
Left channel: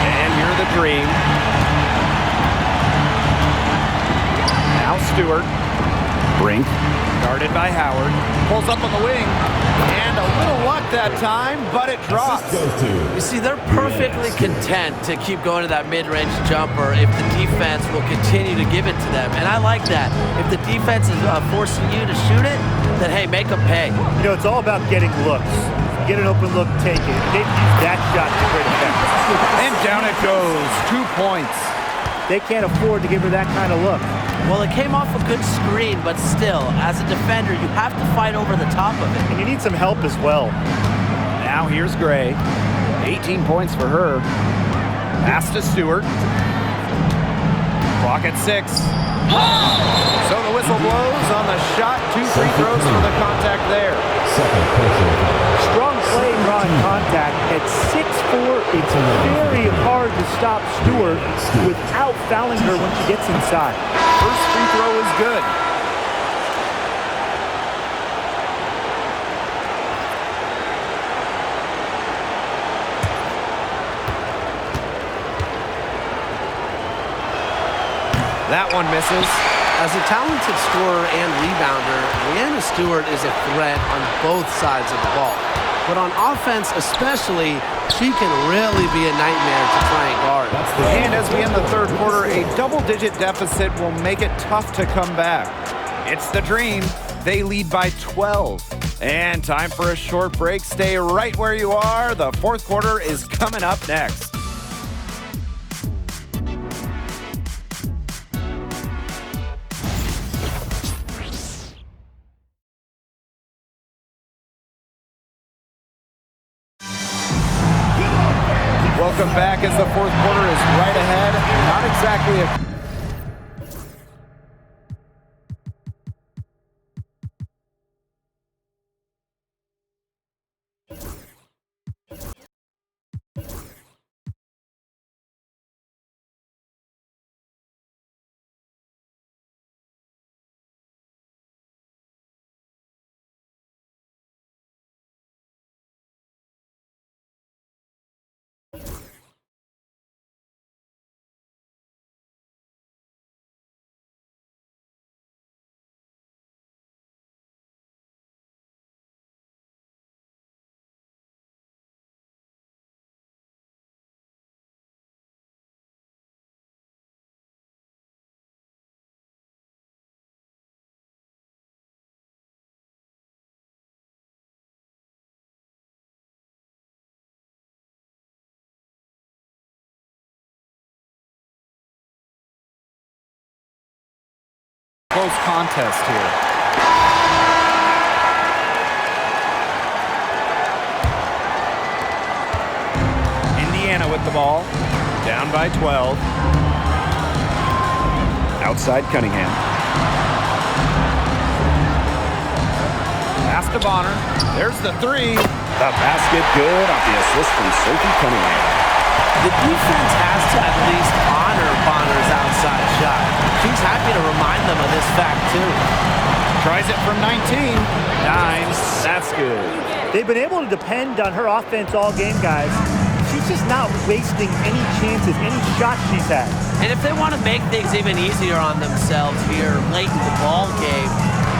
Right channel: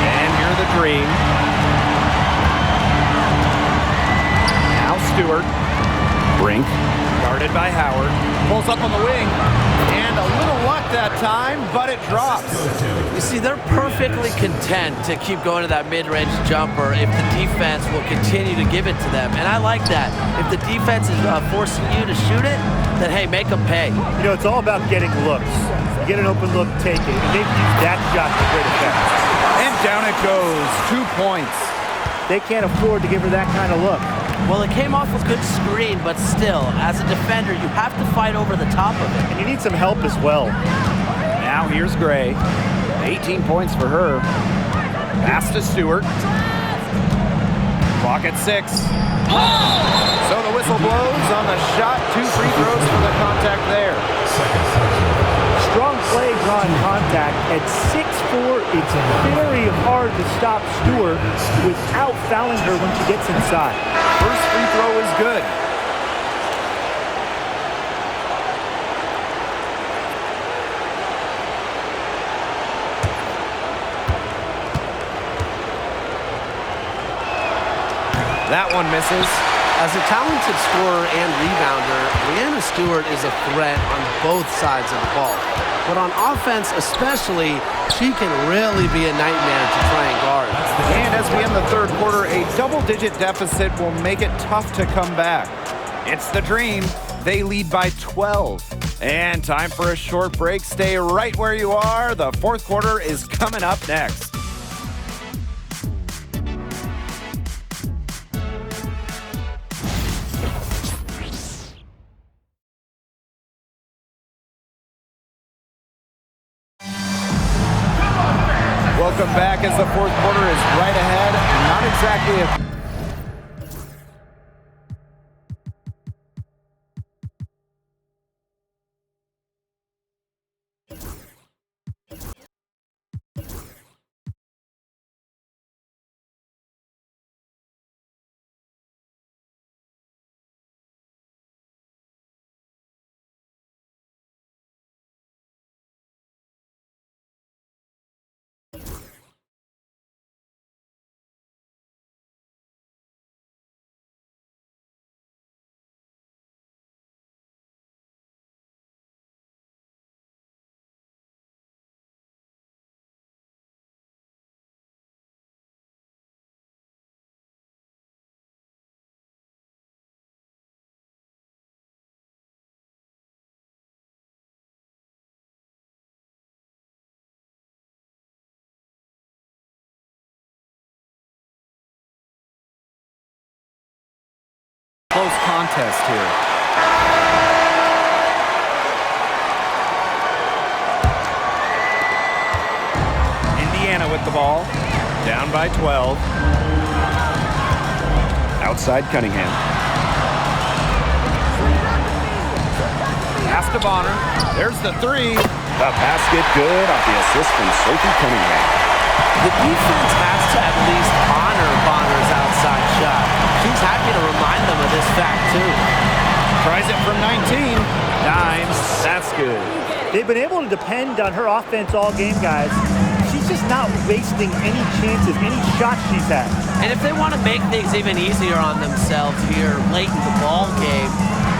And here the Dream. Now Stewart. Brink. Guarded by Howard. Pulls up on the wing. And a little luck that time, but it drops. You see, they're perfectly content to keep going to that mid-range jumper if the defense will continue to give it to them. And I like that. If the defense is forcing you to shoot it, then, hey, make them pay. You know, it's all about getting looks. You get an open look, take it. And they've used that shot to great effect. And down it goes. 2 points. They can't afford to give her that kind of look. Well, it came off a good screen, but still, as a defender, you have to fight over the top of it. And you need some help as well. Now here's Gray. 18 points for her. Pass to Stewart. Clock at 6. So the whistle blows on the shot. 2 free throws for the contact there. Strong play drawing contact at 6'4". It's very hard to stop Stewart without fouling her when she gets inside. First free throw is good. That one misses. As a talented scorer and rebounder, Breanna Stewart is a threat on both sides of the ball. But on offense especially, she can really be a nightmare to try and guard. And as we end the third quarter, a double-digit deficit will make it tough to come back. It's the Dream. They lead by 12. And time for a short break. Stay right where you are. The fourth quarter is coming up next. Welcome back as the fourth quarter is right ahead. Not exactly a close contest here. Indiana with the ball. Down by 12. Outside Cunningham. Pass to Bonner. There's the three. The basket good off the assist from Sophie Cunningham. The defense has to at least honor Bonner's outside shot. She's happy to remind them of this fact, too. Tries it from 19. Dimes. That's good. They've been able to depend on her offense all game, guys. She's just not wasting any chances, any shots she's had. And if they want to make things even easier on themselves here late in the ball game,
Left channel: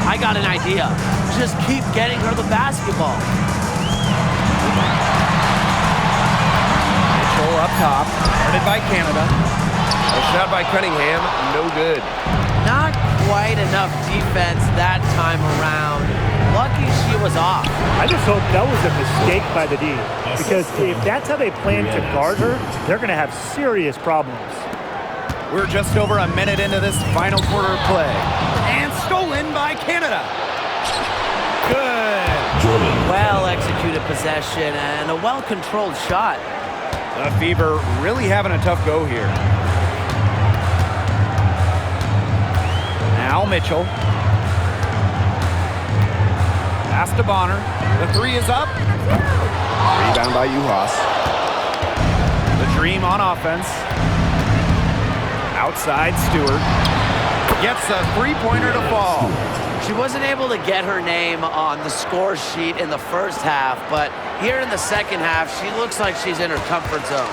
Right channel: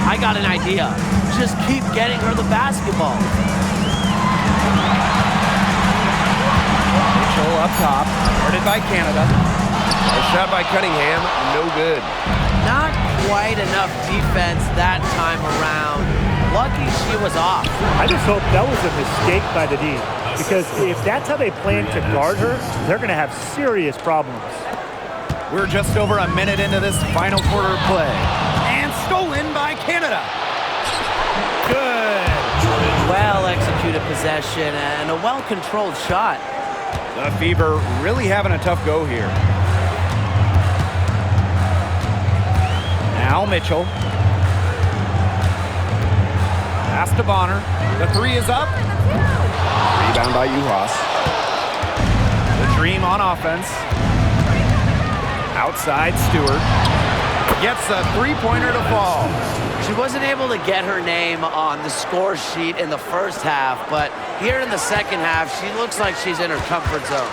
I got an idea. Just keep getting her the basketball. Mitchell up top, guarded by Canada. A shot by Cunningham, no good. Not quite enough defense that time around. Lucky she was off. I just hope that was a mistake by the D, because if that's how they plan to guard her, they're going to have serious problems. We're just over a minute into this final quarter of play. And stolen by Canada. Good. Well-executed possession and a well-controlled shot. The Fever really having a tough go here. Now Mitchell. Pass to Bonner. The three is up. Rebound by Uhas. The Dream on offense. Outside Stewart. Gets the three-pointer to fall. She wasn't able to get her name on the score sheet in the first half, but here in the second half, she looks like she's in her comfort zone.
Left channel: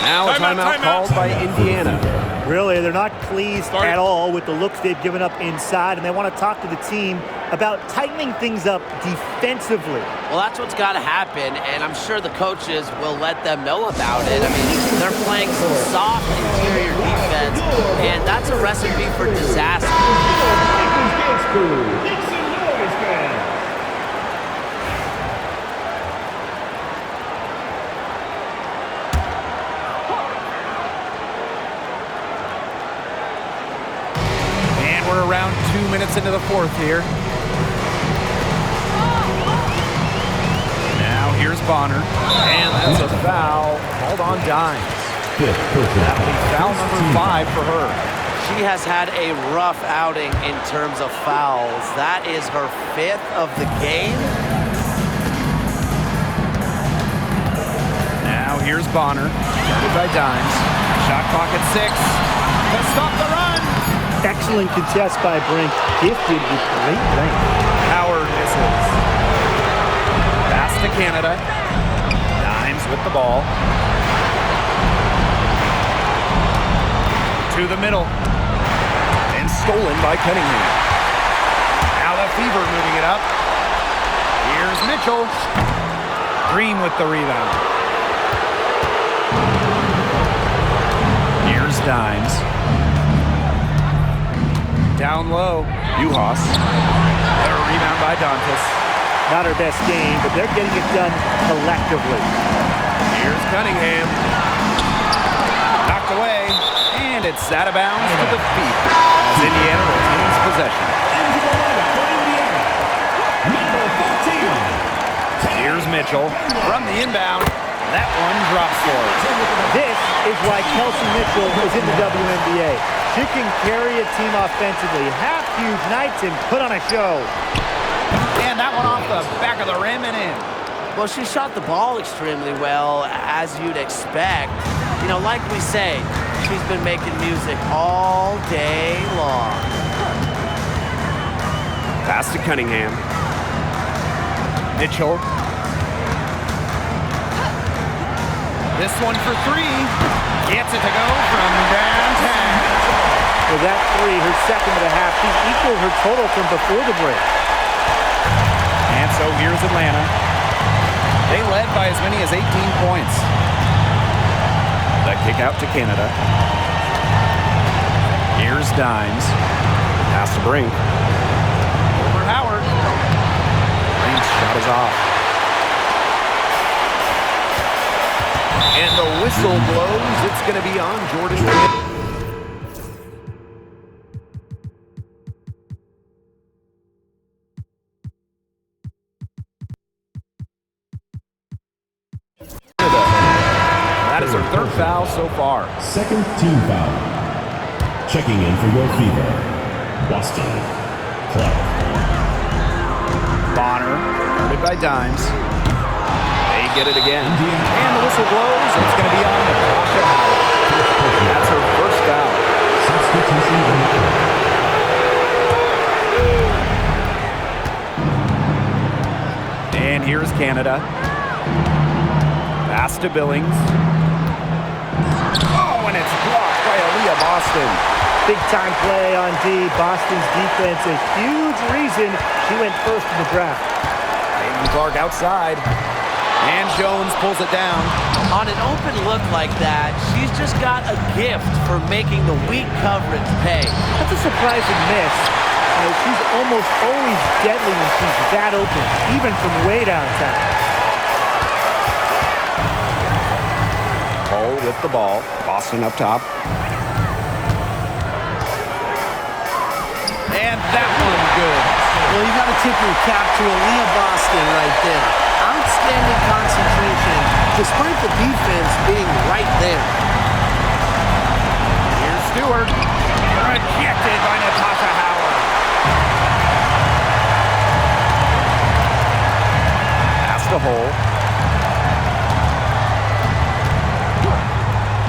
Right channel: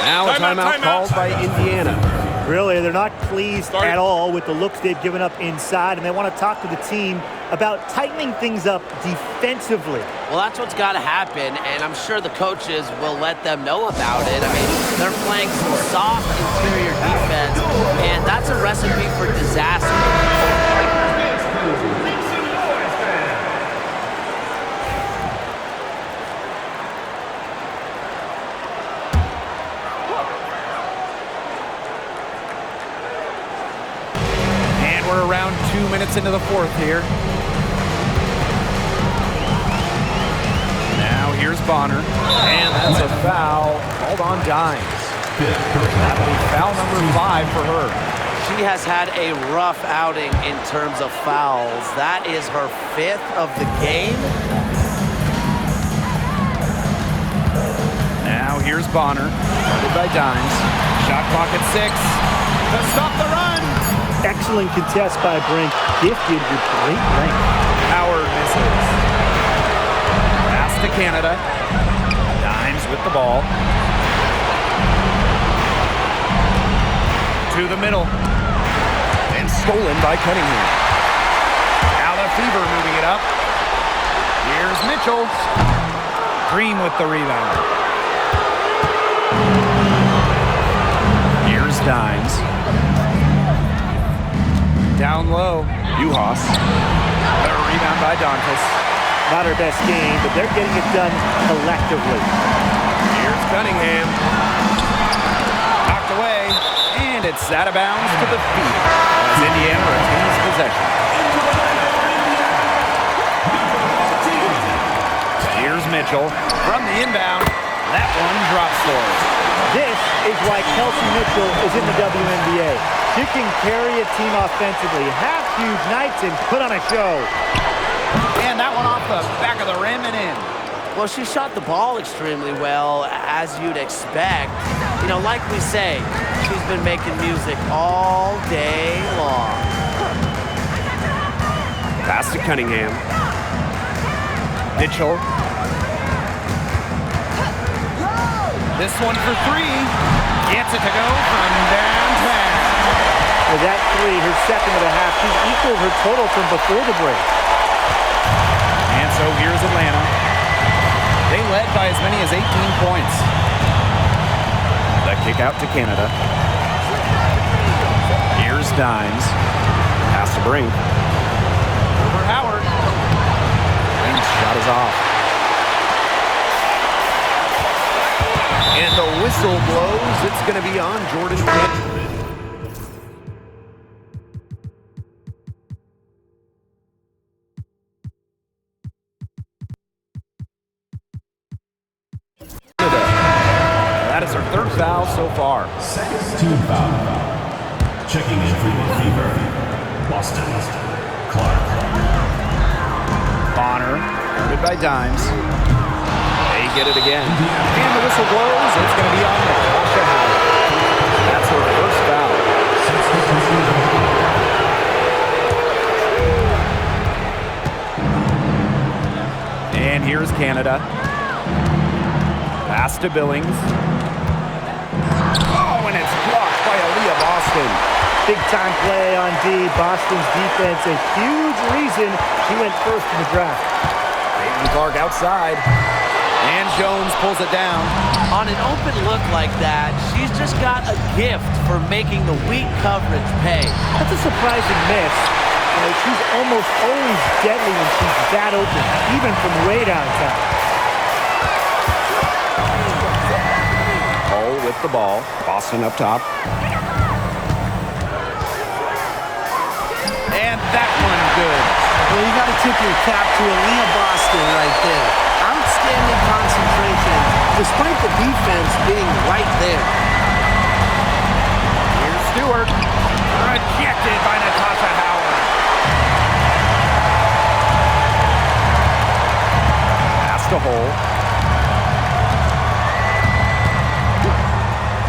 Now a timeout called by Indiana. Really, they're not pleased at all with the looks they've given up inside, and they want to talk to the team about tightening things up defensively. Well, that's what's got to happen, and I'm sure the coaches will let them know about it. I mean, they're playing some soft interior defense, and that's a recipe for disaster. And we're around 2 minutes into the fourth here. Now here's Bonner. And that's a foul called on Dimes. That'll be foul number 5 for her. She has had a rough outing in terms of fouls. That is her 5th of the game. Now here's Bonner, guarded by Dimes. Shot clock at 6 to stop the run. Excellent contest by Brink, gifted with great length. Howard misses. Pass to Canada. Dimes with the ball. To the middle. And stolen by Cunningham. Now the Fever moving it up. Here's Mitchell. Green with the rebound. Here's Dimes. Down low. Uhas. The rebound by Dantas. Not her best game, but they're getting it done collectively. Here's Cunningham. Knocked away. And it's out of bounds to the Fever as Indiana retains possession. Here's Mitchell from the inbound. That one drops for her. This is why Kelsey Mitchell is in the WNBA. She can carry a team offensively, have huge nights, and put on a show. And that one off the back of the rim and in. Well, she shot the ball extremely well, as you'd expect. You know, like we say, she's been making music all day long. Pass to Cunningham. Mitchell. This one for three. Gets it to go from downtown. With that three, her second of the half, she's equaled her total from before the break. And so here's Atlanta. They led by as many as 18 points. The kick out to Canada. Here's Dimes. Pass to Brink. Over Howard. Brink's shot is off. And the whistle blows. It's going to be on Jordan Canada. That is her third foul so far. Second team foul. Checking in for your fever. Boston. Clark. Bonner, guarded by Dimes. They get it again. And the whistle blows. It's going to be on Natasha Howard. That's her first foul. And here's Canada. Pass to Billings. Oh, and it's blocked by Aaliyah Boston. Big time play on D. Boston's defense, a huge reason she went first in the draft. Caitlin Clark outside. And Jones pulls it down. On an open look like that, she's just got a gift for making the weak coverage pay. That's a surprising miss. She's almost always deadly when she's that open, even from way downtown. Hull with the ball. Boston up top. And that one good. Well, you got to tip your cap to Aaliyah Boston right there. Outstanding concentration, despite the defense being right there. Here's Stewart. Rejected by Natasha Howard. Pass to Hull.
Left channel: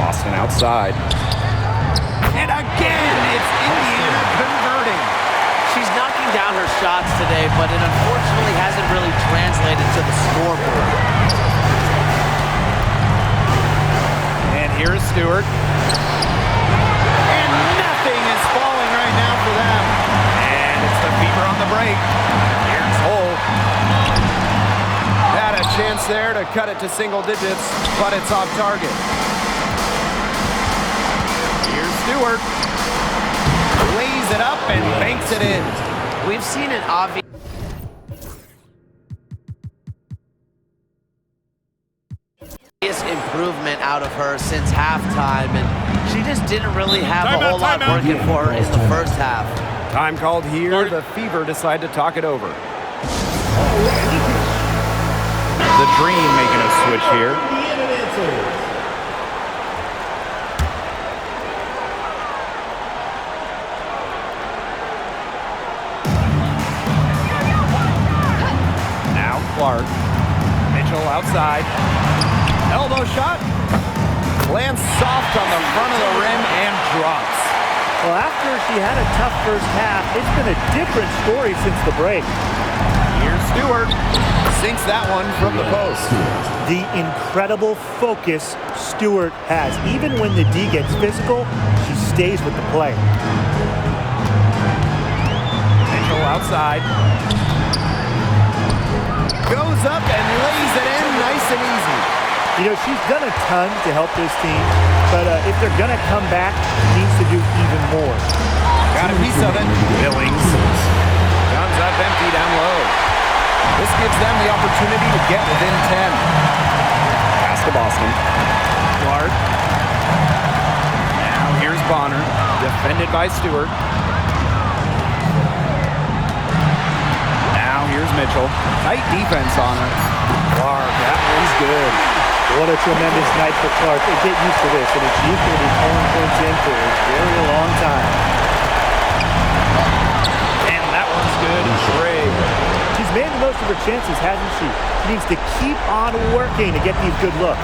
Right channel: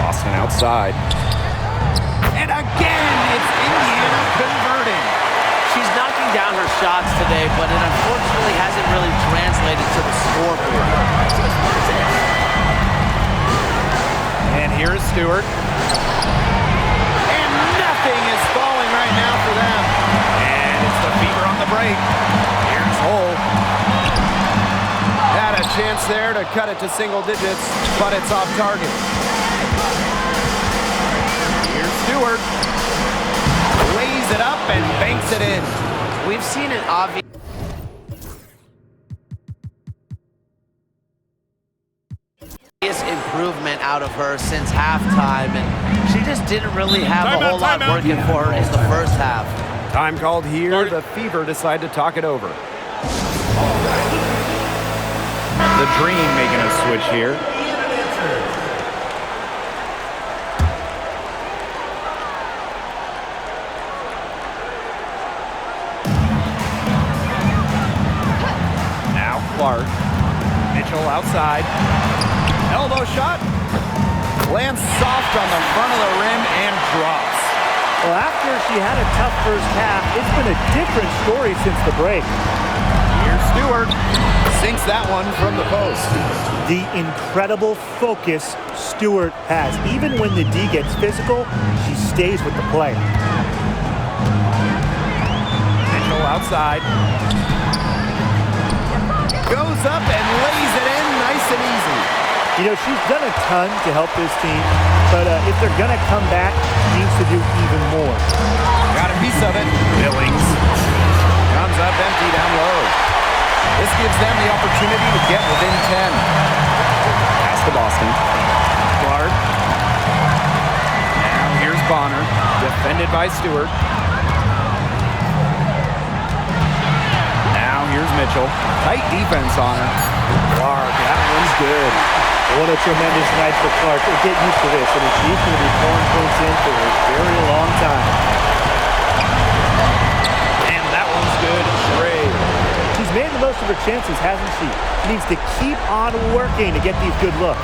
Boston outside. And again, it's Indiana converting. She's knocking down her shots today, but it unfortunately hasn't really translated to the scoreboard. And here's Stewart. And nothing is falling right now for them. And it's the Fever on the break. Here's Hull. Had a chance there to cut it to single digits, but it's off target. Here's Stewart. Lays it up and banks it in. We've seen an obvious improvement out of her since halftime, and she just didn't really have a whole lot working for her in the first half. Time called here. The Fever decide to talk it over. The Dream making a switch here. Clark. Mitchell outside. Elbow shot. Lands soft on the front of the rim and drops. Well, after she had a tough first half, it's been a different story since the break. Here's Stewart. Sinks that one from the post. The incredible focus Stewart has. Even when the D gets physical, she stays with the play. Mitchell outside. Goes up and lays it in nice and easy. You know, she's done a ton to help this team, but if they're going to come back, she needs to do even more. Got a piece of it. Billings comes up empty down low. This gives them the opportunity to get within 10. Pass to Boston. Clark. Now here's Bonner, defended by Stewart. Now here's Mitchell. Tight defense on her. Clark, that one's good. What a tremendous night for Clark. And get used to this. I mean, she's going to be pouring points in for a very long time. And that one's good. Gray. She's made the most of her chances, hasn't she? She needs to keep on working to get these good looks.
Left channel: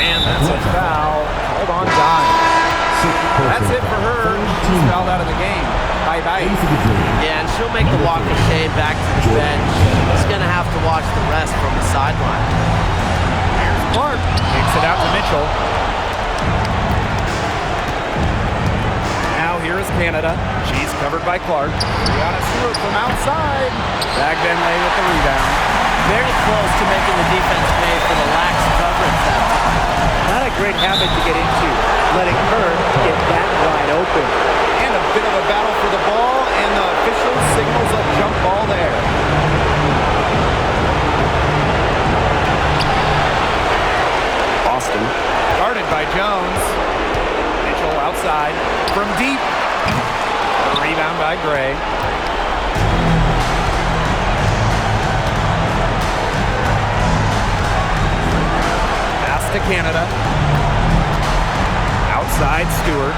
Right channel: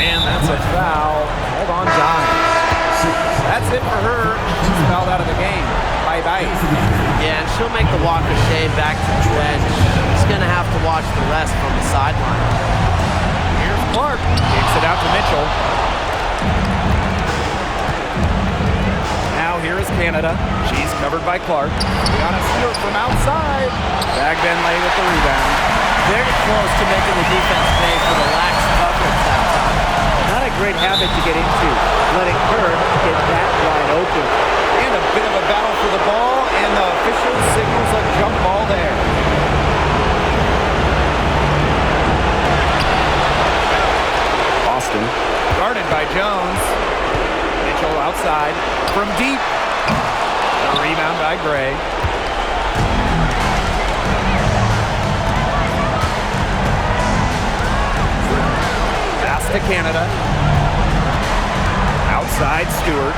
And that's a foul. Hold on, dime. That's it for her. She's fouled out of the game. Bye-bye. Yeah, and she'll make the walk of shame back to the bench. She's going to have to watch the rest from the sideline. Here's Clark. Kicks it out to Mitchell. Now here is Canada. She's covered by Clark. Brianna Stewart from outside. Bagbenley with the rebound. Very close to making the defense pay for the lax coverage that time. Not a great habit to get into, letting her get that wide open. And a bit of a battle for the ball, and the official signals a jump ball there. Boston, guarded by Jones. Mitchell outside from deep. A rebound by Gray. Pass to Canada. Outside Stewart.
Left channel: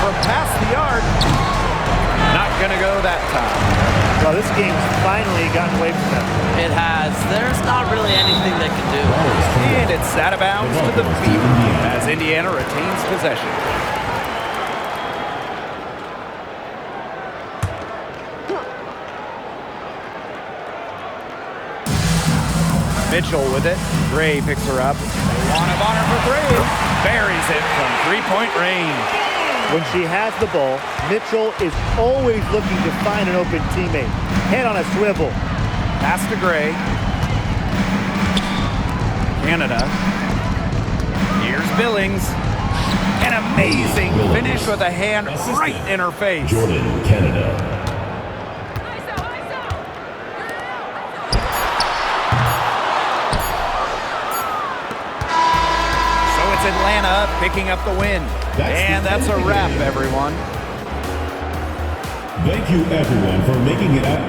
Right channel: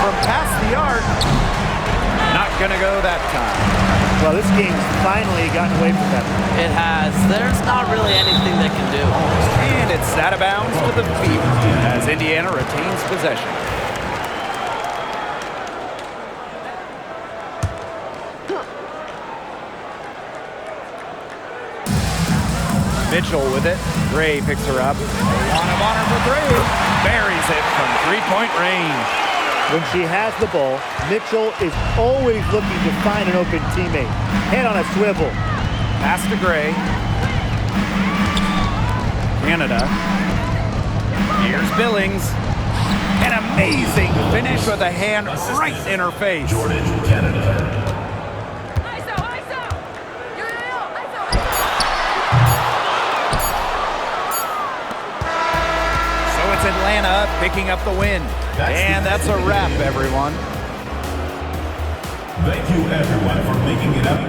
From past the arc. Not gonna go that time. Well, this game's finally gotten away from them. It has. There's not really anything they can do. And it's out of bounds to the Fever as Indiana retains possession. Mitchell with it. Gray picks her up. Wand of honor for three. Buries it from three-point range. When she has the ball, Mitchell is always looking to find an open teammate. Head on a swivel. Pass to Gray. Canada. Here's Billings. An amazing finish with a hand right in her face. Jordan, Canada. So it's Atlanta picking up the win. And that's a wrap, everyone. Thank you, everyone, for making it up